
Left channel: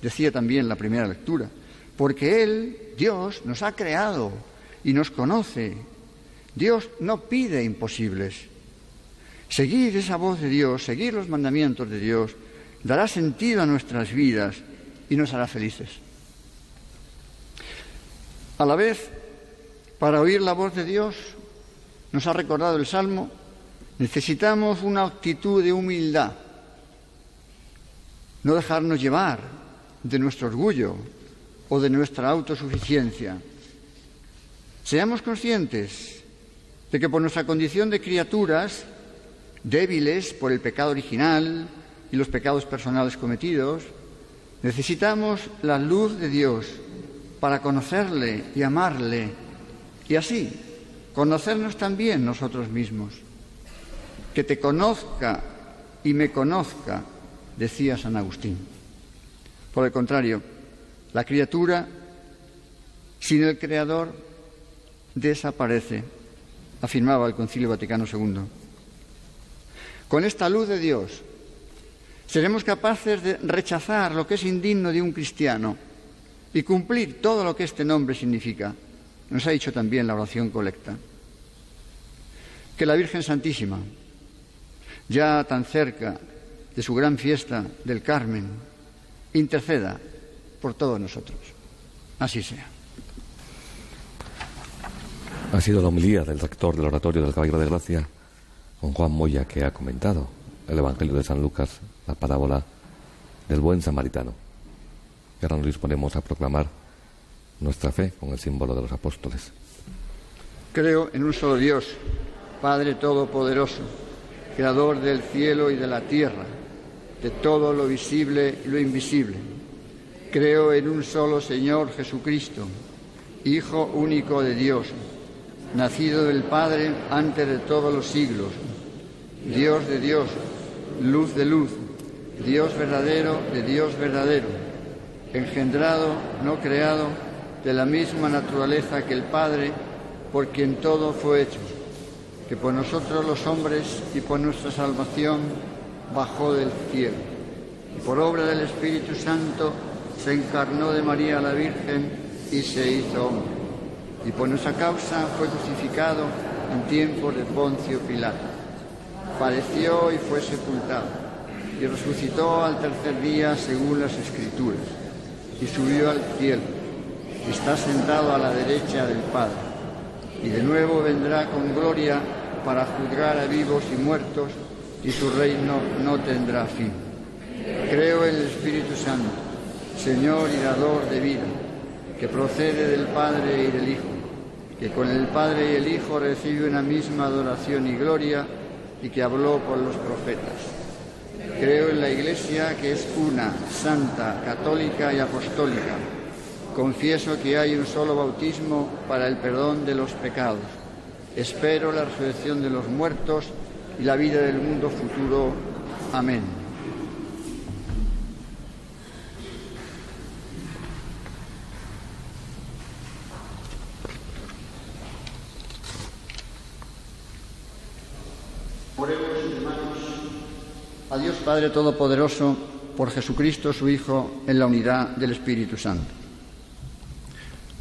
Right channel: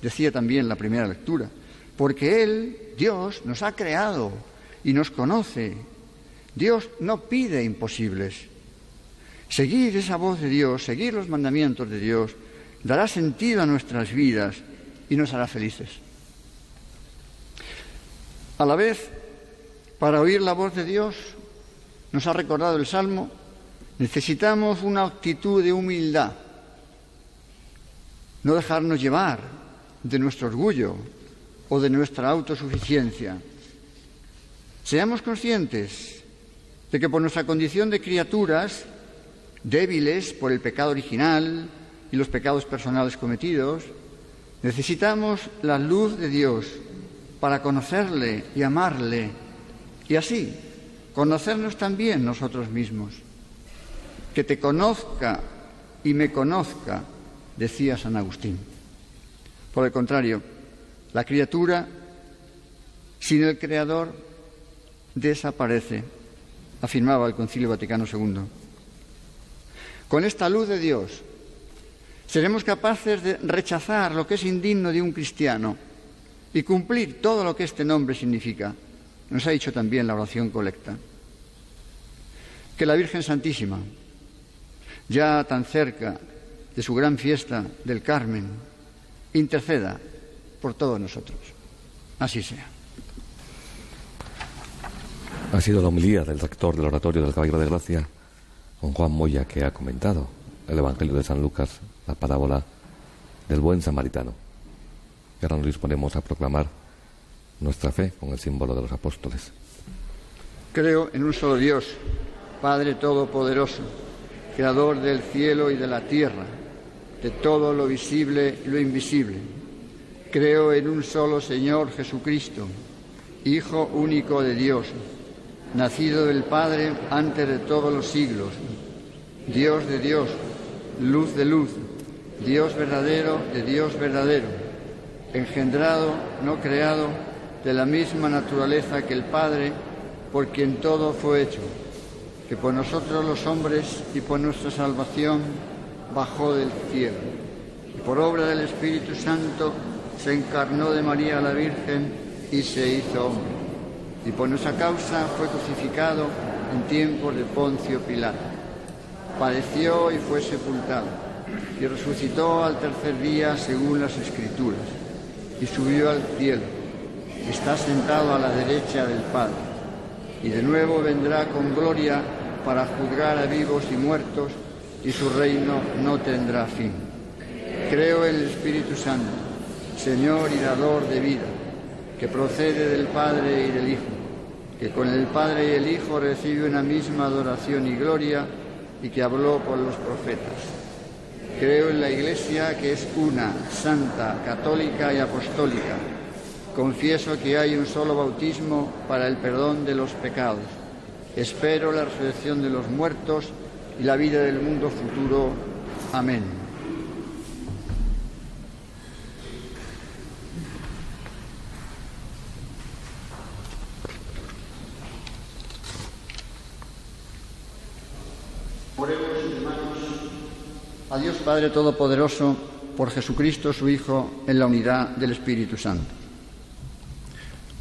decía también la primera lectura, porque Él, Dios, nos ha creado y nos conoce. Dios no pide imposibles. Seguir esa voz de Dios, seguir los mandamientos de Dios, dará sentido a nuestras vidas y nos hará felices. A la vez, para oír la voz de Dios, nos ha recordado el Salmo, necesitamos una actitud de humildad, no dejarnos llevar de nuestro orgullo o de nuestra autosuficiencia. Seamos conscientes de que por nuestra condición de criaturas, débiles por el pecado original y los pecados personales cometidos, necesitamos la luz de Dios para conocerle y amarle y así conocernos también nosotros mismos. Que te conozca y me conozca, decía San Agustín. Por el contrario, la criatura sin el Creador desaparece, afirmaba el Concilio Vaticano II. Con esta luz de Dios seremos capaces de rechazar lo que es indigno de un cristiano y cumplir todo lo que este nombre significa. Nos ha dicho también la oración colecta. Que la Virgen Santísima, ya tan cerca de su gran fiesta del Carmen, interceda por todos nosotros. Así sea. Ha sido la homilía del rector del Oratorio del Caballero de Gracia, don Juan Moya, que ha comentado el Evangelio de San Lucas, la parábola del buen samaritano. Y ahora nos disponemos a proclamar nuestra fe con el símbolo de los apóstoles. Creo en un solo Dios, Padre Todopoderoso, Creador del cielo y de la tierra, de todo lo visible y lo invisible. Creo en un solo Señor Jesucristo, Hijo único de Dios, nacido del Padre antes de todos los siglos, Dios de Dios, luz de luz, Dios verdadero de Dios verdadero, engendrado, no creado, de la misma naturaleza que el Padre, por quien todo fue hecho, que por nosotros los hombres y por nuestra salvación bajó del cielo, y por obra del Espíritu Santo se encarnó de María la Virgen y se hizo hombre, y por nuestra causa fue crucificado en tiempos de Poncio Pilato. Padeció y fue sepultado, y resucitó al tercer día según las Escrituras, y subió al cielo, y está sentado a la derecha del Padre, y de nuevo vendrá con gloria para juzgar a vivos y muertos, y su reino no tendrá fin. Creo en el Espíritu Santo, Señor y dador de vida, que procede del Padre y del Hijo, que con el Padre y el Hijo recibe una misma adoración y gloria, y que habló por los profetas. Creo en la Iglesia, que es una, santa, católica y apostólica. Confieso que hay un solo bautismo para el perdón de los pecados. Espero la resurrección de los muertos y la vida del mundo futuro. Amén. Oremos, hermanos, a Dios Padre Todopoderoso, por Jesucristo su Hijo, en la unidad del Espíritu Santo.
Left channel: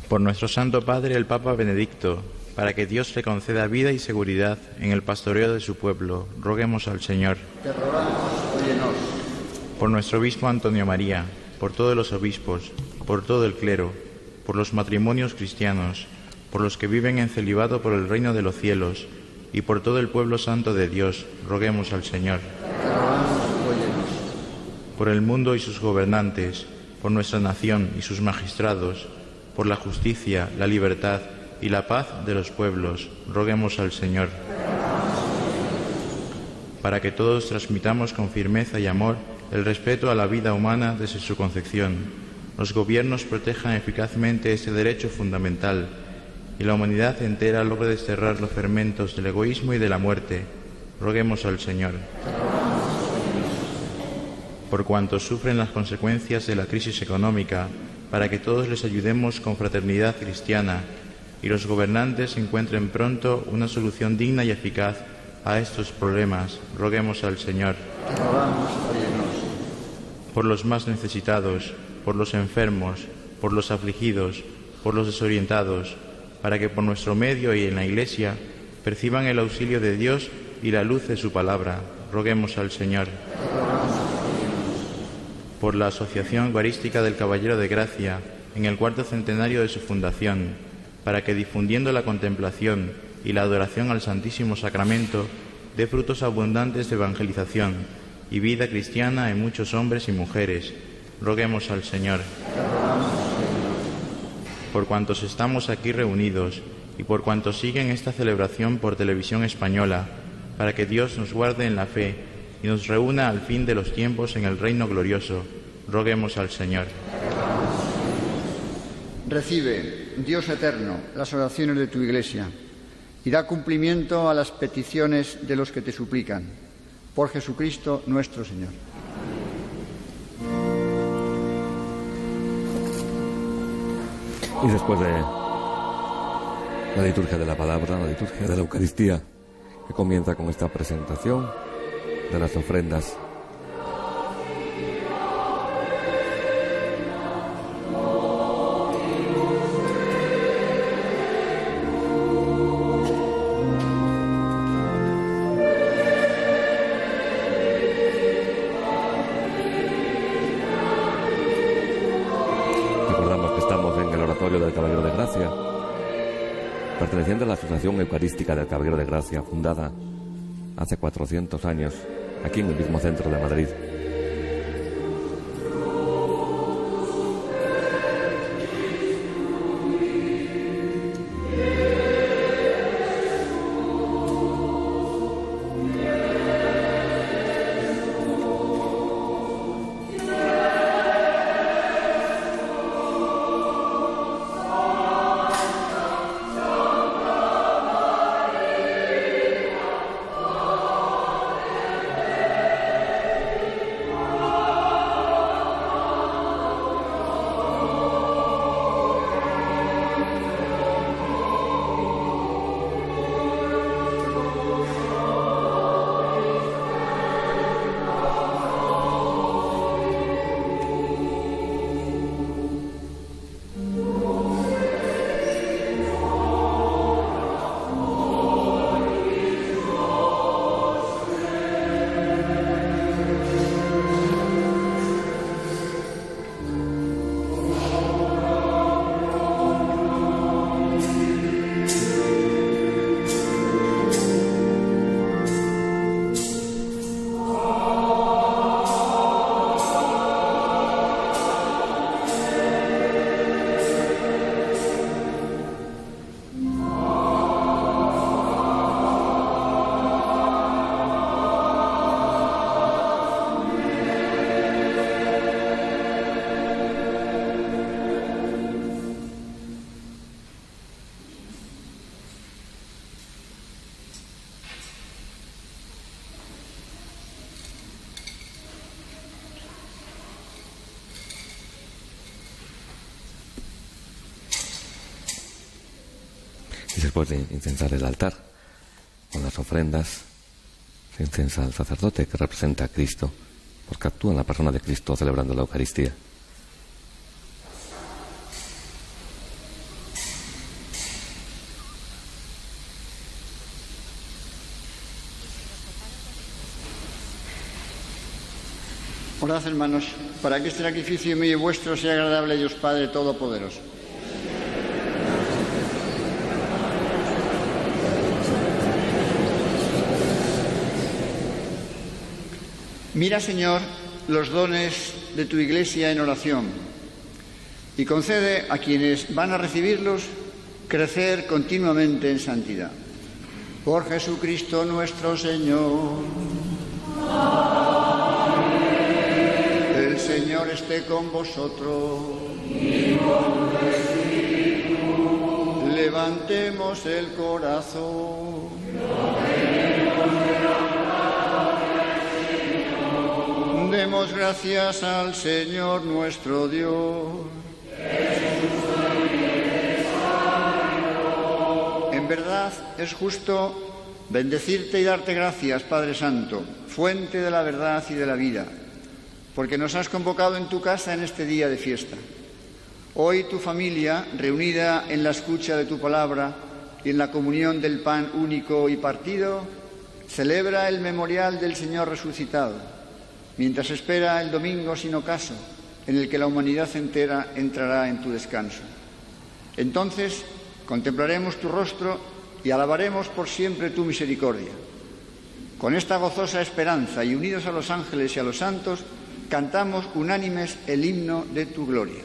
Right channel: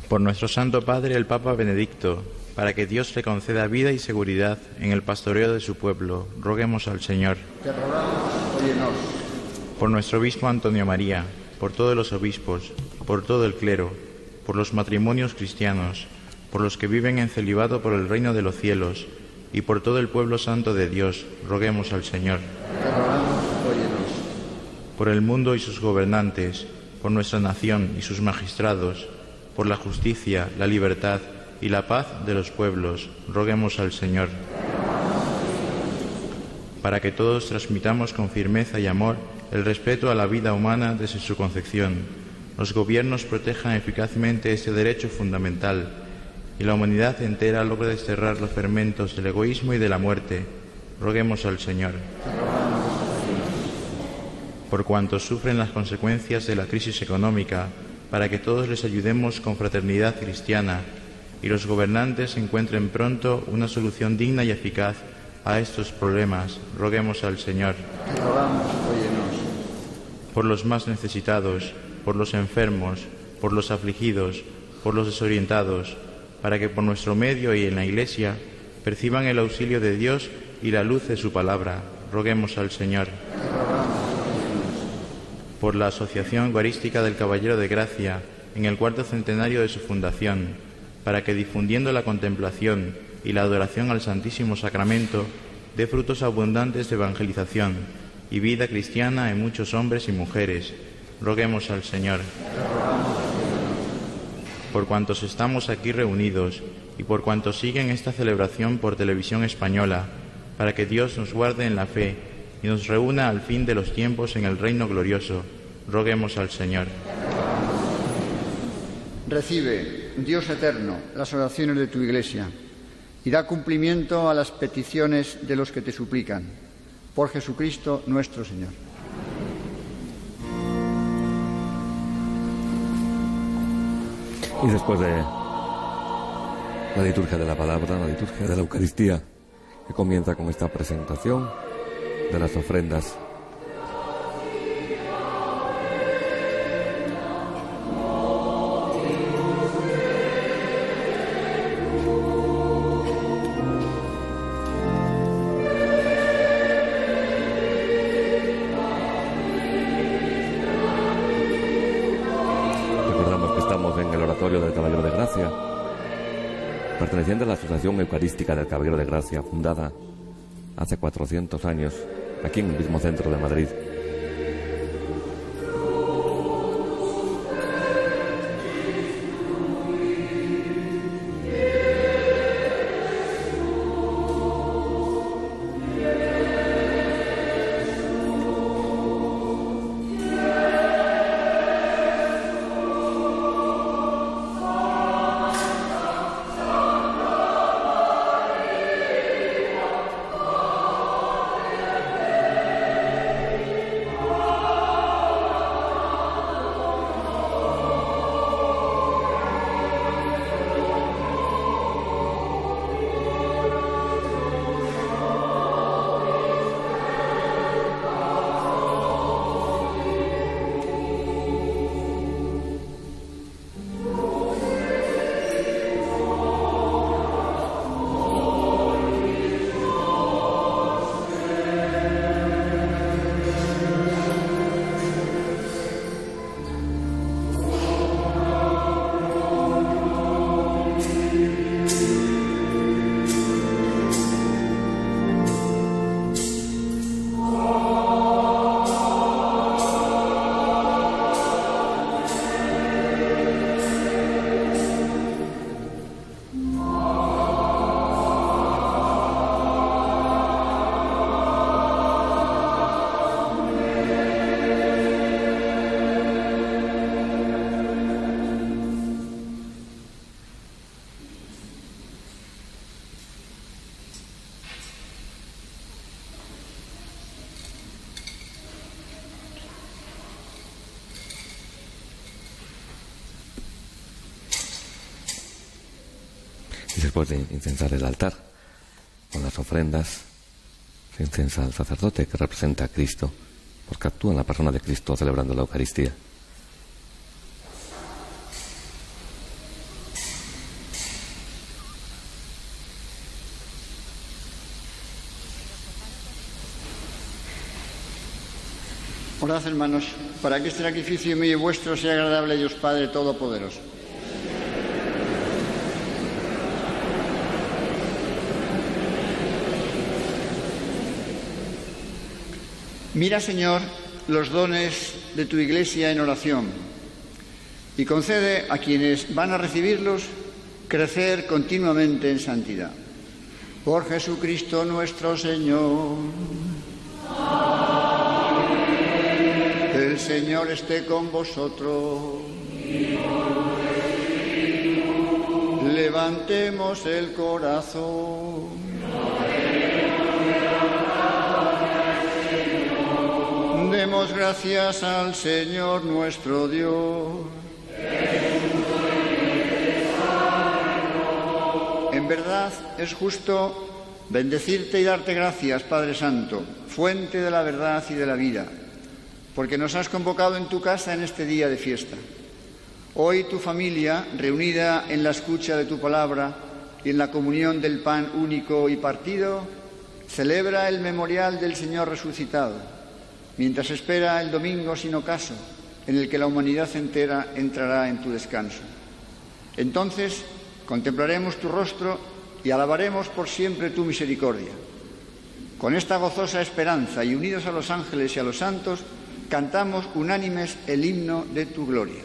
Por nuestro Santo Padre, el Papa Benedicto, para que Dios le conceda vida y seguridad en el pastoreo de su pueblo, roguemos al Señor. Te rogamos, óyenos. Por nuestro obispo Antonio María, por todos los obispos, por todo el clero, por los matrimonios cristianos, por los que viven en celibato por el reino de los cielos, y por todo el pueblo santo de Dios, roguemos al Señor. Te rogamos, óyenos. Por el mundo y sus gobernantes, por nuestra nación y sus magistrados, por la justicia, la libertad y la paz de los pueblos, roguemos al Señor. Para que todos transmitamos con firmeza y amor el respeto a la vida humana desde su concepción, los gobiernos protejan eficazmente este derecho fundamental y la humanidad entera logre desterrar los fermentos del egoísmo y de la muerte, roguemos al Señor. Por cuantos sufren las consecuencias de la crisis económica, para que todos les ayudemos con fraternidad cristiana y los gobernantes encuentren pronto una solución digna y eficaz a estos problemas, roguemos al Señor. Te rogamos, óyenos. Por los más necesitados, por los enfermos, por los afligidos, por los desorientados, para que por nuestro medio y en la Iglesia perciban el auxilio de Dios y la luz de su palabra, roguemos al Señor. Te rogamos, óyenos. Por la Asociación Eucarística del Caballero de Gracia, en el 4º centenario de su fundación, para que difundiendo la contemplación y la adoración al Santísimo Sacramento, dé frutos abundantes de evangelización y vida cristiana en muchos hombres y mujeres, roguemos al Señor. Te rogamos, óyenos. Por cuantos estamos aquí reunidos y por cuantos siguen esta celebración por televisión española, para que Dios nos guarde en la fe y nos reúna al fin de los tiempos en el reino glorioso, roguemos al Señor. Recibe, Dios eterno, las oraciones de tu Iglesia y da cumplimiento a las peticiones de los que te suplican. Por Jesucristo nuestro Señor. Y después de la liturgia de la palabra, la liturgia de la Eucaristía, que comienza con esta presentación de las ofrendas. Recordamos que estamos en el oratorio del Caballero de Gracia, perteneciente a la Asociación Eucarística del Caballero de Gracia, fundada hace 400 años, aquí en el mismo centro de Madrid. Y después de incensar el altar con las ofrendas, se incensa al sacerdote que representa a Cristo, porque actúa en la persona de Cristo celebrando la Eucaristía. Orad, hermanos, para que este sacrificio mío y vuestro sea agradable a Dios Padre Todopoderoso. Mira, Señor, los dones de tu Iglesia en oración y concede a quienes van a recibirlos crecer continuamente en santidad. Por Jesucristo nuestro Señor. El Señor esté con vosotros. Levantemos el corazón. Demos gracias al Señor nuestro Dios. En verdad es justo bendecirte y darte gracias, Padre Santo, fuente de la verdad y de la vida, porque nos has convocado en tu casa en este día de fiesta. Hoy tu familia, reunida en la escucha de tu palabra y en la comunión del pan único y partido, celebra el memorial del Señor resucitado, mientras espera el domingo sin ocaso, en el que la humanidad entera entrará en tu descanso. Entonces contemplaremos tu rostro y alabaremos por siempre tu misericordia. Con esta gozosa esperanza y unidos a los ángeles y a los santos, cantamos unánimes el himno de tu gloria.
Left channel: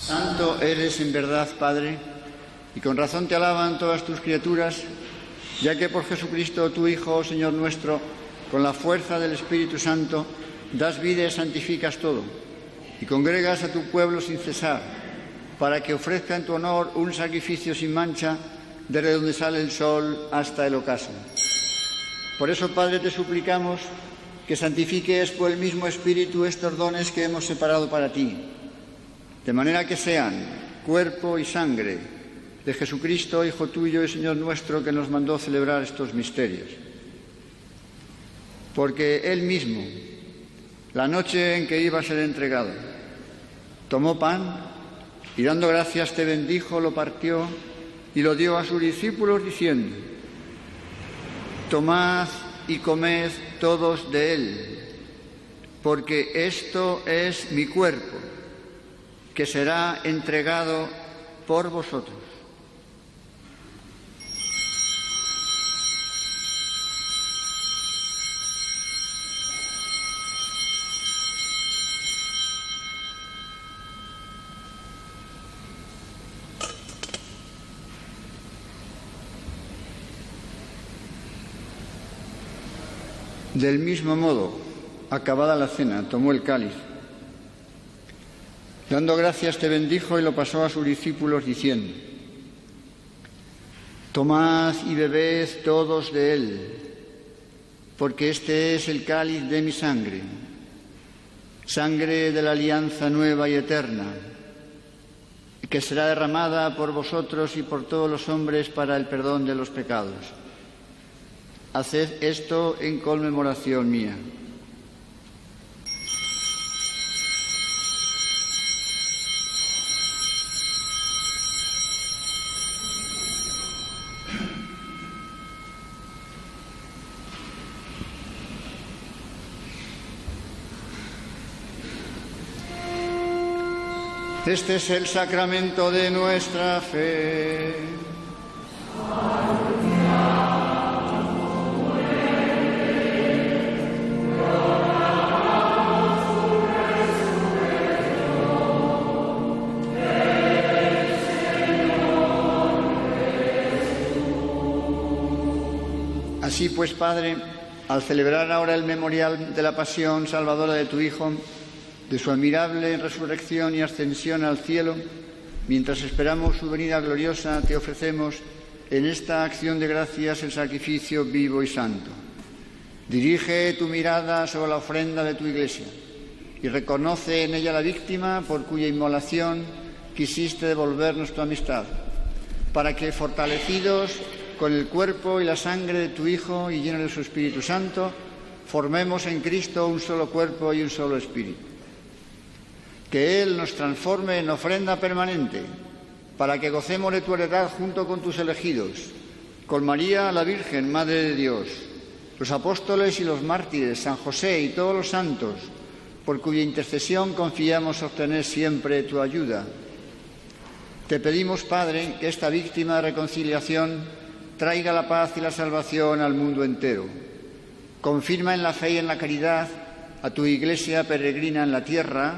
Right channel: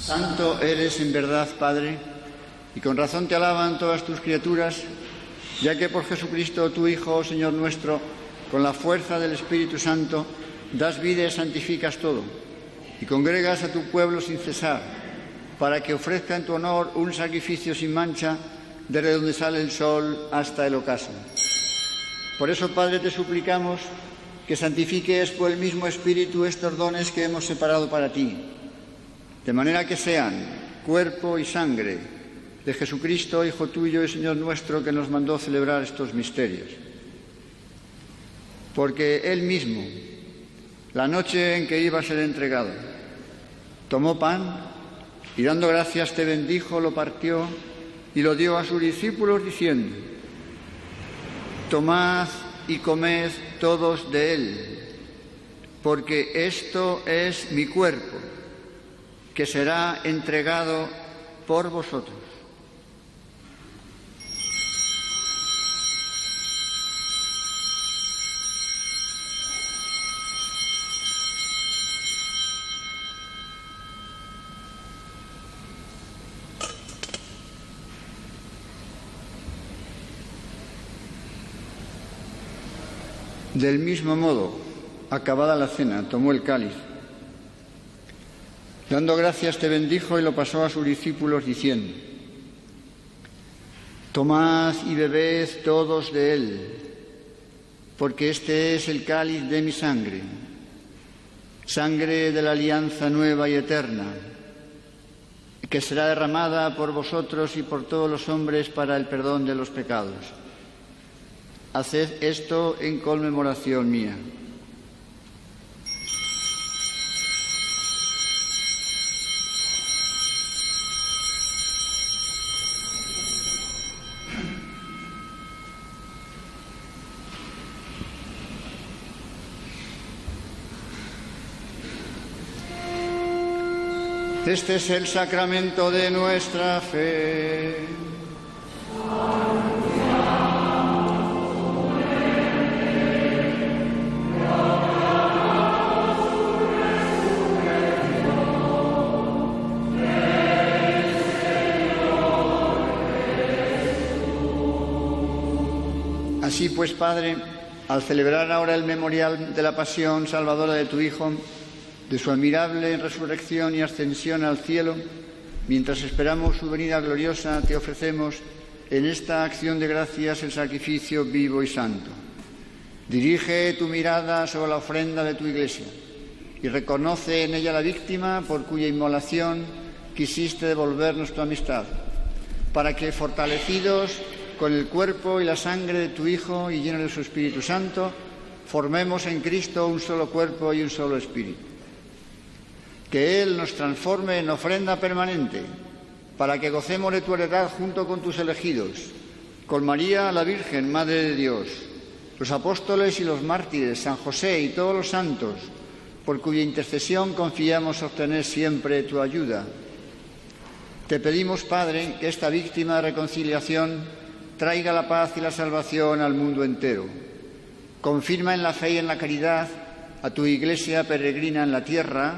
Santo eres en verdad, Padre, y con razón te alaban todas tus criaturas, ya que por Jesucristo, tu Hijo, oh Señor nuestro, con la fuerza del Espíritu Santo, das vida y santificas todo, y congregas a tu pueblo sin cesar, para que ofrezca en tu honor un sacrificio sin mancha, desde donde sale el sol hasta el ocaso. Por eso, Padre, te suplicamos que santifiques por el mismo Espíritu estos dones que hemos separado para ti, de manera que sean cuerpo y sangre de Jesucristo, Hijo tuyo y Señor nuestro, que nos mandó celebrar estos misterios. Porque Él mismo, la noche en que iba a ser entregado, tomó pan y dando gracias te bendijo, lo partió y lo dio a sus discípulos diciendo: tomad y comed todos de él, porque esto es mi cuerpo, que será entregado por vosotros. Del mismo modo, acabada la cena, tomó el cáliz. Dando gracias te bendijo y lo pasó a sus discípulos diciendo: tomad y bebed todos de él, porque este es el cáliz de mi sangre, sangre de la alianza nueva y eterna, que será derramada por vosotros y por todos los hombres para el perdón de los pecados. Haced esto en conmemoración mía. Este es el sacramento de nuestra fe. Así pues, Padre, al celebrar ahora el memorial de la pasión salvadora de tu Hijo, de su admirable resurrección y ascensión al cielo, mientras esperamos su venida gloriosa, te ofrecemos en esta acción de gracias el sacrificio vivo y santo. Dirige tu mirada sobre la ofrenda de tu Iglesia y reconoce en ella la víctima por cuya inmolación quisiste devolvernos tu amistad, para que, fortalecidos con el cuerpo y la sangre de tu Hijo y llenos de su Espíritu Santo, formemos en Cristo un solo cuerpo y un solo espíritu. Que Él nos transforme en ofrenda permanente, para que gocemos de tu heredad junto con tus elegidos, con María la Virgen, Madre de Dios, los apóstoles y los mártires, San José y todos los santos, por cuya intercesión confiamos obtener siempre tu ayuda. Te pedimos, Padre, que esta víctima de reconciliación traiga la paz y la salvación al mundo entero. Confirma en la fe y en la caridad a tu Iglesia peregrina en la tierra,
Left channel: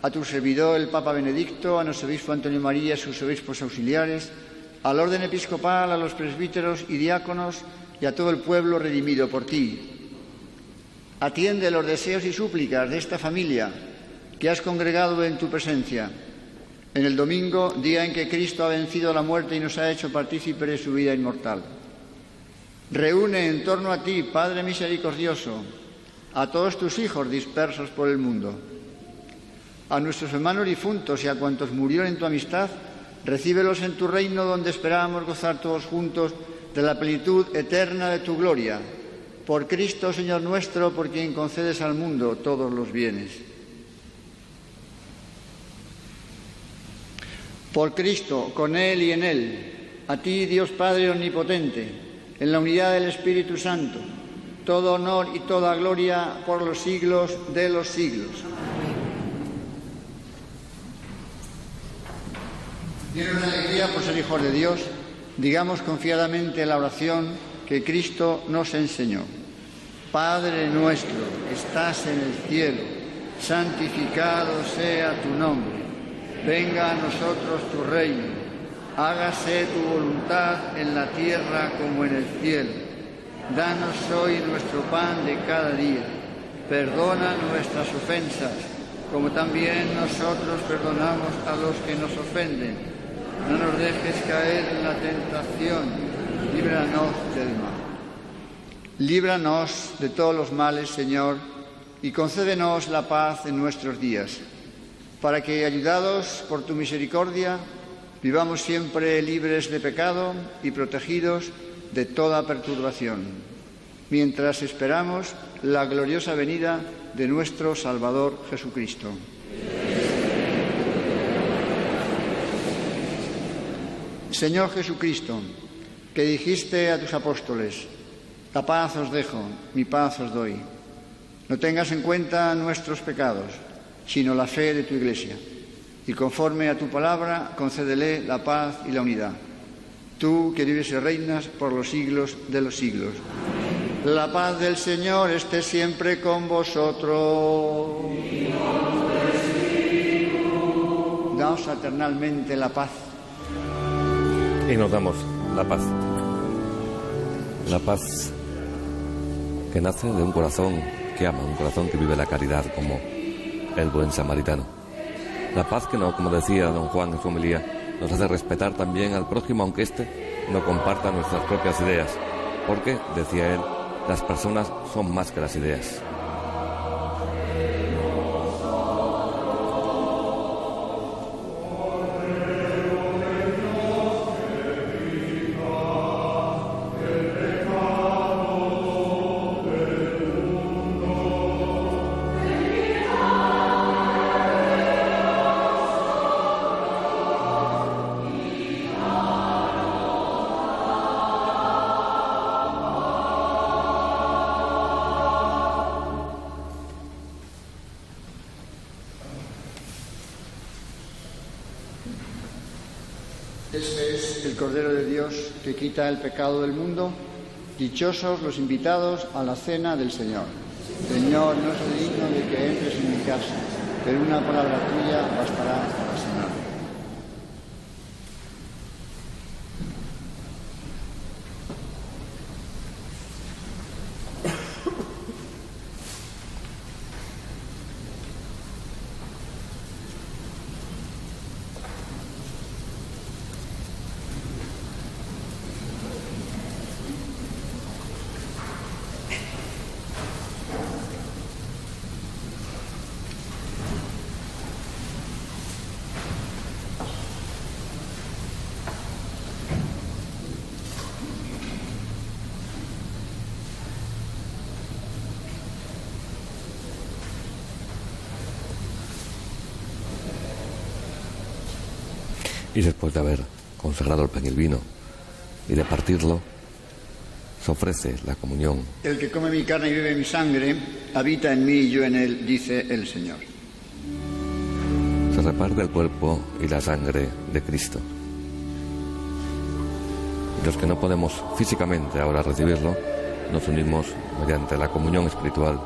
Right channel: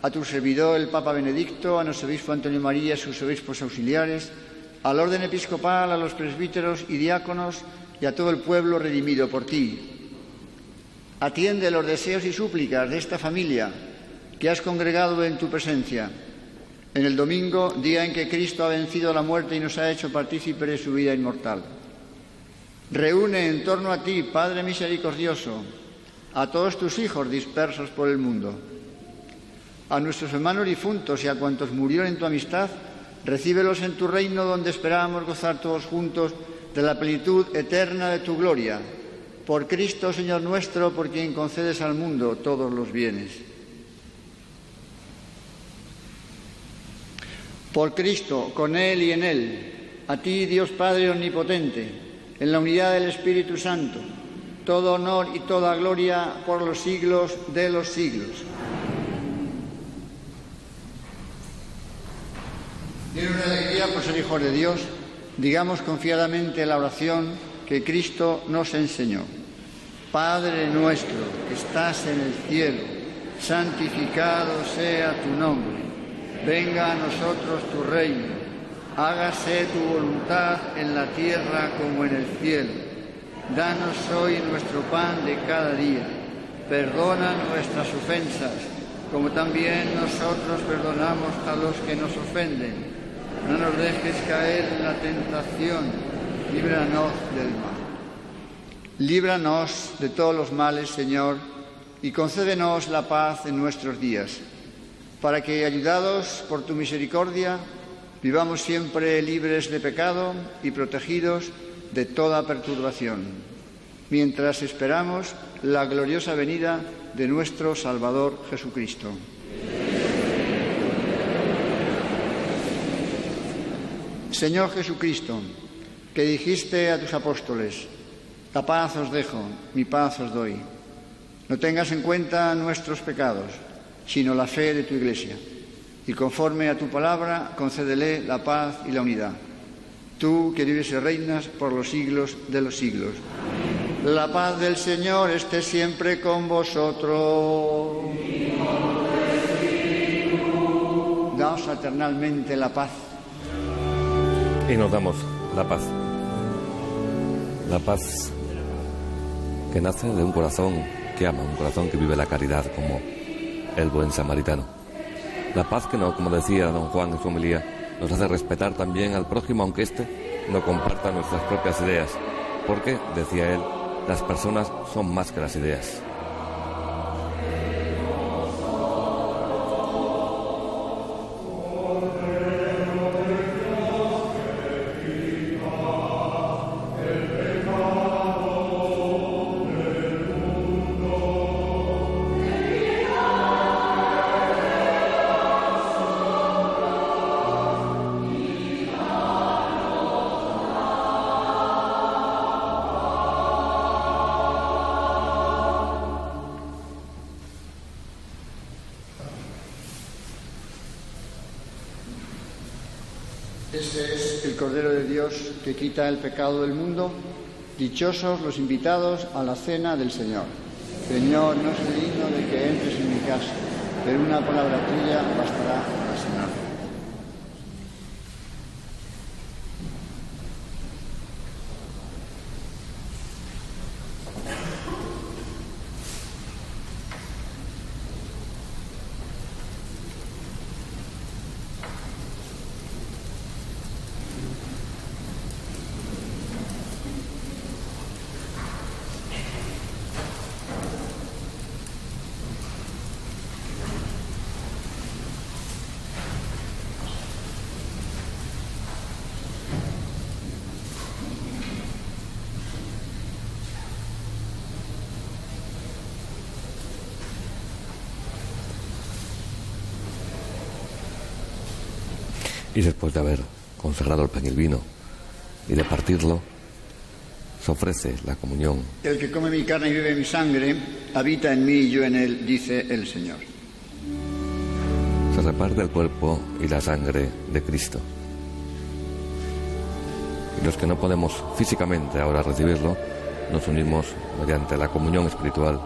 a tu servidor el Papa Benedicto, a nuestro obispo Antonio María y sus obispos auxiliares, al orden episcopal, a los presbíteros y diáconos y a todo el pueblo redimido por ti. Atiende los deseos y súplicas de esta familia que has congregado en tu presencia. En el domingo, día en que Cristo ha vencido la muerte y nos ha hecho partícipes de su vida inmortal. Reúne en torno a ti, Padre misericordioso, a todos tus hijos dispersos por el mundo. A nuestros hermanos difuntos y a cuantos murieron en tu amistad, recíbelos en tu reino, donde esperamos gozar todos juntos de la plenitud eterna de tu gloria. Por Cristo, Señor nuestro, por quien concedes al mundo todos los bienes. Por Cristo, con Él y en Él, a ti, Dios Padre omnipotente, en la unidad del Espíritu Santo, todo honor y toda gloria por los siglos de los siglos. Llenos de alegría por ser hijos de Dios, digamos confiadamente la oración que Cristo nos enseñó. Padre nuestro, que estás en el cielo, santificado sea tu nombre. Venga a nosotros tu reino, hágase tu voluntad en la tierra como en el cielo. Danos hoy nuestro pan de cada día. Perdona nuestras ofensas, como también nosotros perdonamos a los que nos ofenden. No nos dejes caer en la tentación, líbranos del mal. Líbranos de todos los males, Señor, y concédenos la paz en nuestros días, para que, ayudados por tu misericordia, vivamos siempre libres de pecado y protegidos de toda perturbación, mientras esperamos la gloriosa venida de nuestro Salvador Jesucristo. Señor Jesucristo, que dijiste a tus apóstoles: la paz os dejo, mi paz os doy. No tengas en cuenta nuestros pecados, sino la fe de tu Iglesia, y conforme a tu palabra, concédele la paz y la unidad. Tú, que vives y reinas por los siglos de los siglos. La paz del Señor esté siempre con vosotros. Daos fraternalmente la paz. Y nos damos la paz. La paz que nace de un corazón que ama, un corazón que vive la caridad como el buen samaritano. La paz que, no, como decía don Juan en su homilía, nos hace respetar también al prójimo, aunque éste no comparta nuestras propias ideas, porque, decía él, las personas son más que las ideas. Este es el Cordero de Dios que quita el pecado del mundo. Dichosos los invitados a la cena del Señor. Señor, no soy digno de que entres en mi casa, pero una palabra tuya bastará para sanarme. Y después de haber consagrado el pan y el vino y de partirlo, se ofrece la comunión. El que come mi carne y bebe mi sangre, habita en mí y yo en él, dice el Señor. Se reparte el cuerpo y la sangre de Cristo. Y los que no podemos físicamente ahora recibirlo, nos unimos mediante la comunión espiritual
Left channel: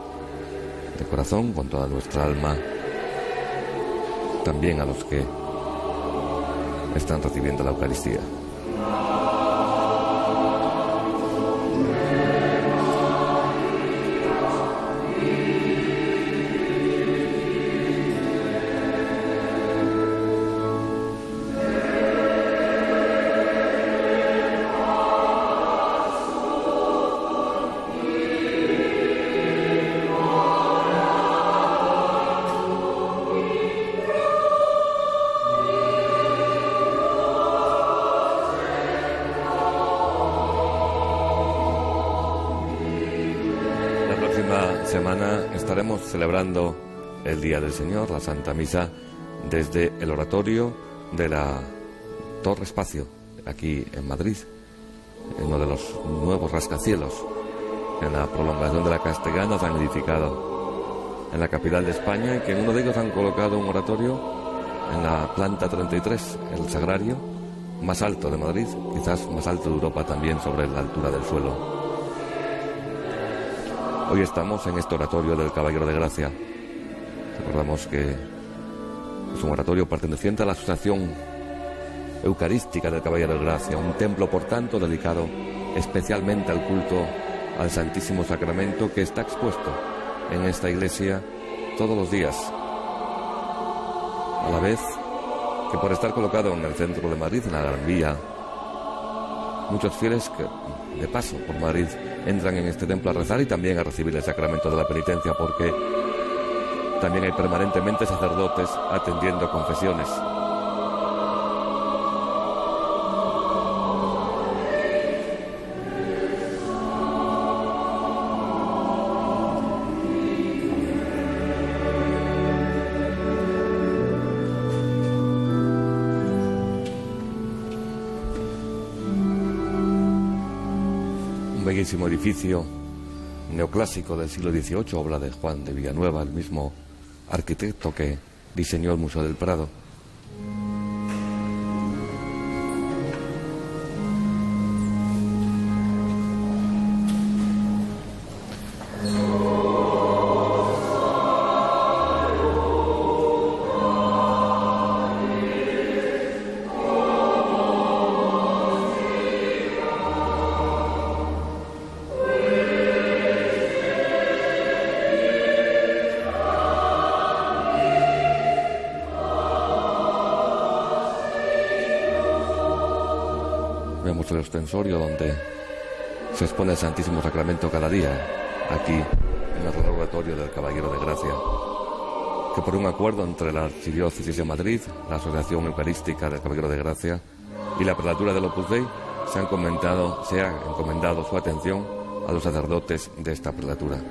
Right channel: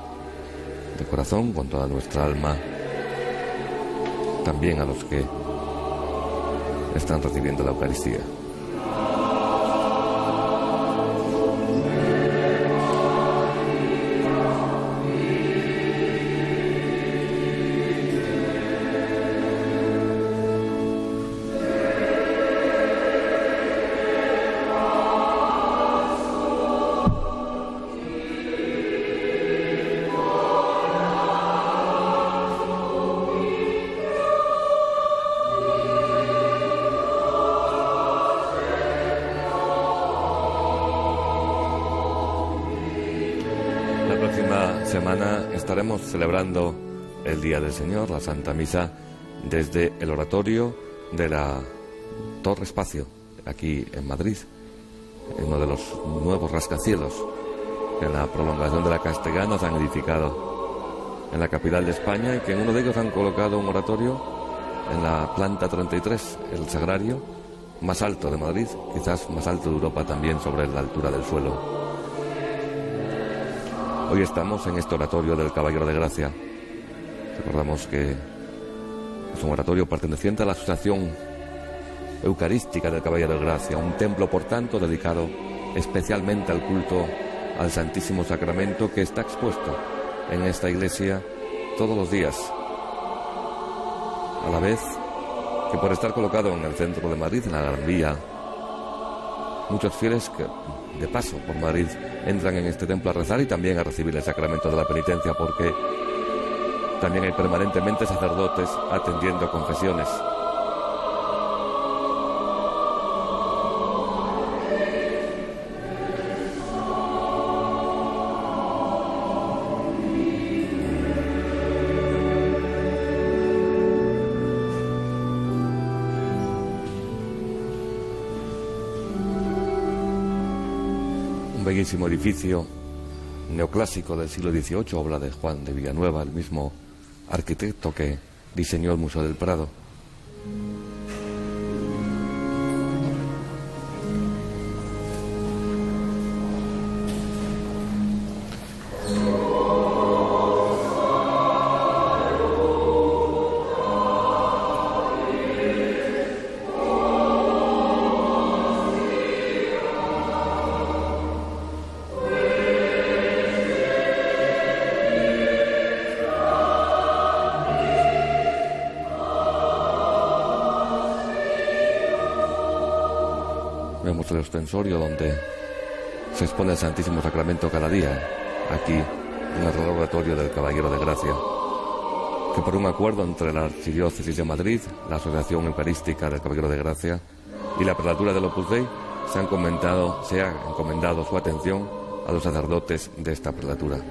de corazón con toda nuestra alma, también a los que están recibiendo la Eucaristía. La próxima semana estaremos celebrando el Día del Señor, la Santa Misa, desde el oratorio de la Torre Espacio, aquí en Madrid, en uno de los nuevos rascacielos. En la prolongación de la Castellana se han edificado en la capital de España y que en uno de ellos han colocado un oratorio en la planta 33, el sagrario más alto de Madrid, quizás más alto de Europa también, sobre la altura del suelo. Hoy estamos en este oratorio del Caballero de Gracia. Recordamos que es un oratorio perteneciente a la Asociación Eucarística del Caballero de Gracia, un templo, por tanto, dedicado especialmente al culto al Santísimo Sacramento, que está expuesto en esta iglesia todos los días, a la vez que por estar colocado en el centro de Madrid, en la Gran Vía, muchos fieles que de paso por Madrid entran en este templo a rezar y también a recibir el sacramento de la penitencia, porque también hay permanentemente sacerdotes atendiendo confesiones. Un bellísimo edificio neoclásico del siglo XVIII, obra de Juan de Villanueva, el mismo arquitecto que diseñó el Museo del Prado. Vemos el ostensorio donde se expone el Santísimo Sacramento cada día, aquí en el oratorio del Caballero de Gracia, que por un acuerdo entre la Archidiócesis de Madrid, la Asociación Eucarística del Caballero de Gracia y la Prelatura del Opus Dei se ha encomendado su atención a los sacerdotes de esta prelatura.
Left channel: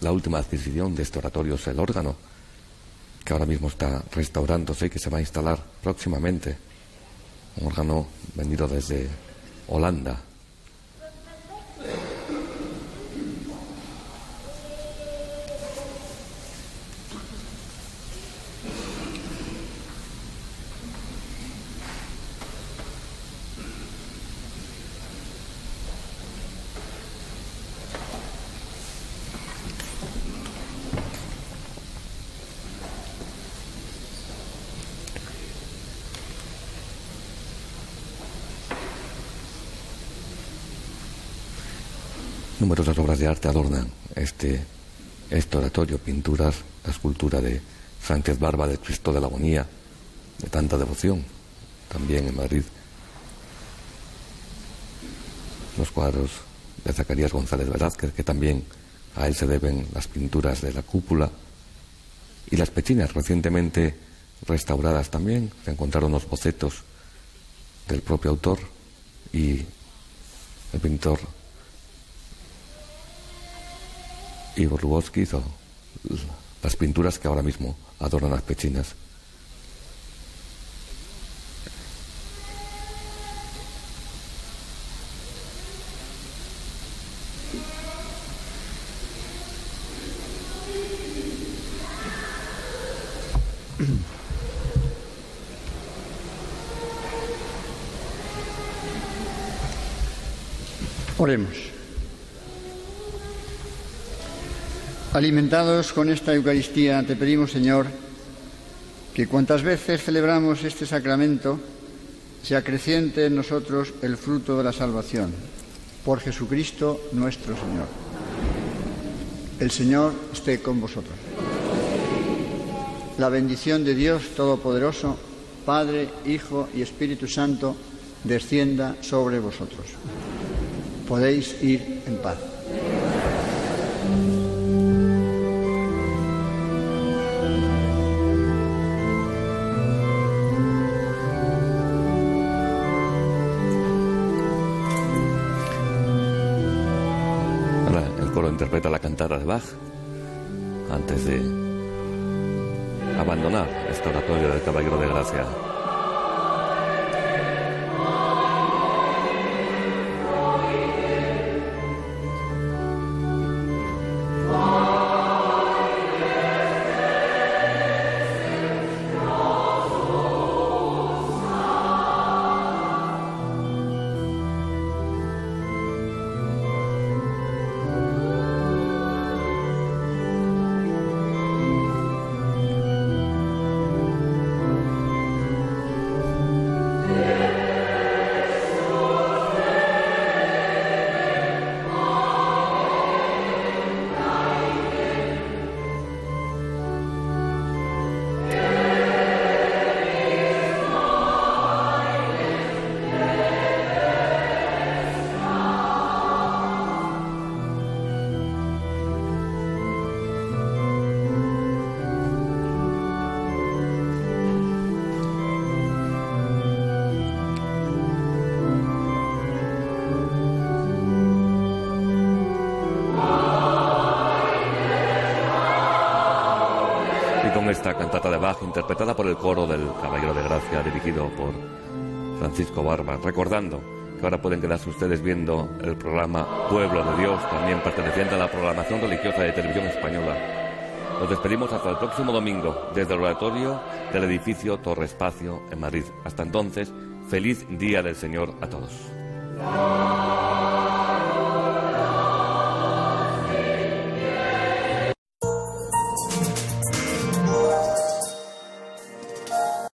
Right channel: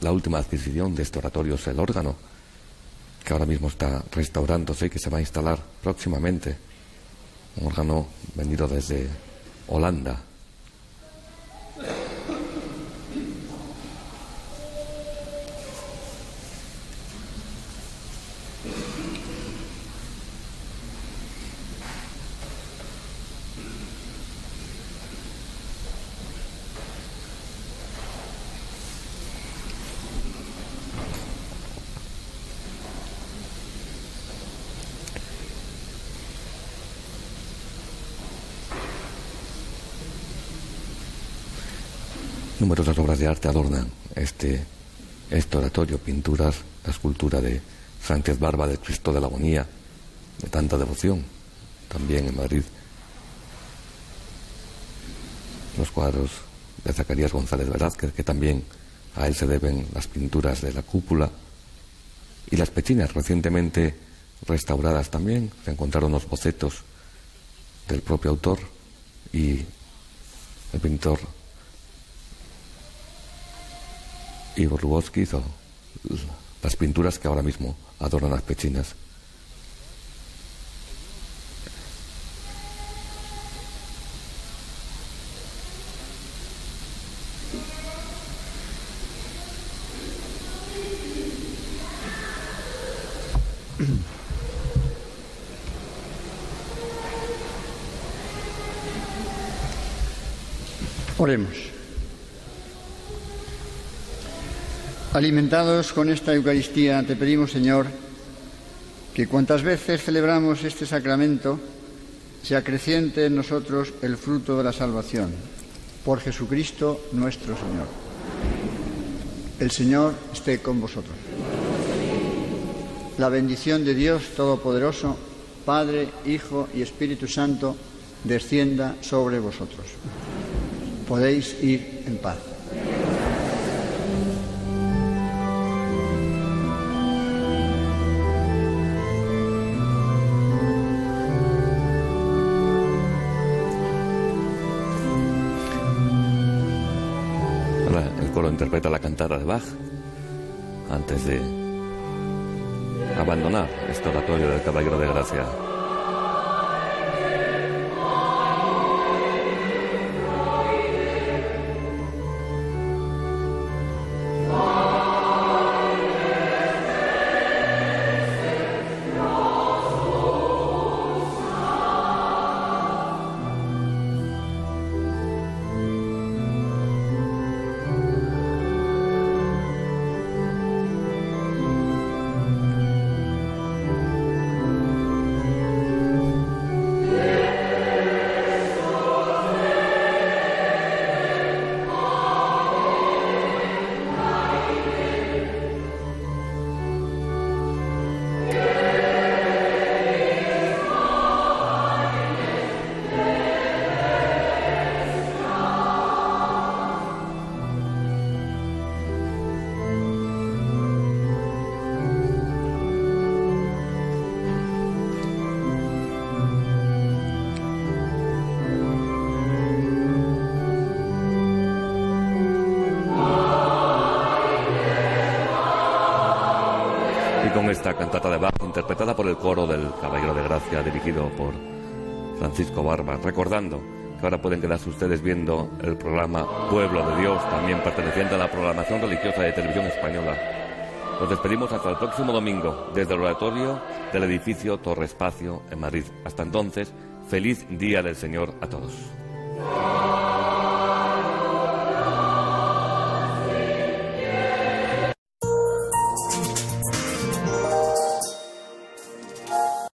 La última adquisición de este oratorio es el órgano, que que ahora mismo está restaurándose y que se va a instalar próximamente. Un órgano venido desde Holanda. Numerosas obras de arte adornan este oratorio, pinturas, la escultura de Sánchez Barba del Cristo de la Agonía, de tanta devoción, también en Madrid. Los cuadros de Zacarías González Velázquez, que también a él se deben las pinturas de la cúpula, y las pechinas recientemente restauradas también. Se encontraron los bocetos del propio autor y el pintor Igor Lubovsky hizo las pinturas que ahora mismo adornan las pechinas. Oremos. Alimentados con esta Eucaristía, te pedimos, Señor, que cuantas veces celebramos este sacramento, se acreciente en nosotros el fruto de la salvación. Por Jesucristo nuestro Señor. El Señor esté con vosotros. La bendición de Dios Todopoderoso, Padre, Hijo y Espíritu Santo, descienda sobre vosotros. Podéis ir en paz. El coro interpreta la cantata de Bach antes de abandonar este oratorio del Caballero de Gracia. Con esta cantata de Bach, interpretada por el coro del Caballero de Gracia, dirigido por Francisco Barba, recordando que ahora pueden quedarse ustedes viendo el programa Pueblo de Dios, también perteneciente a la programación religiosa de Televisión Española. Nos despedimos hasta el próximo domingo, desde el oratorio del edificio Torre Espacio en Madrid. Hasta entonces, feliz Día del Señor a todos.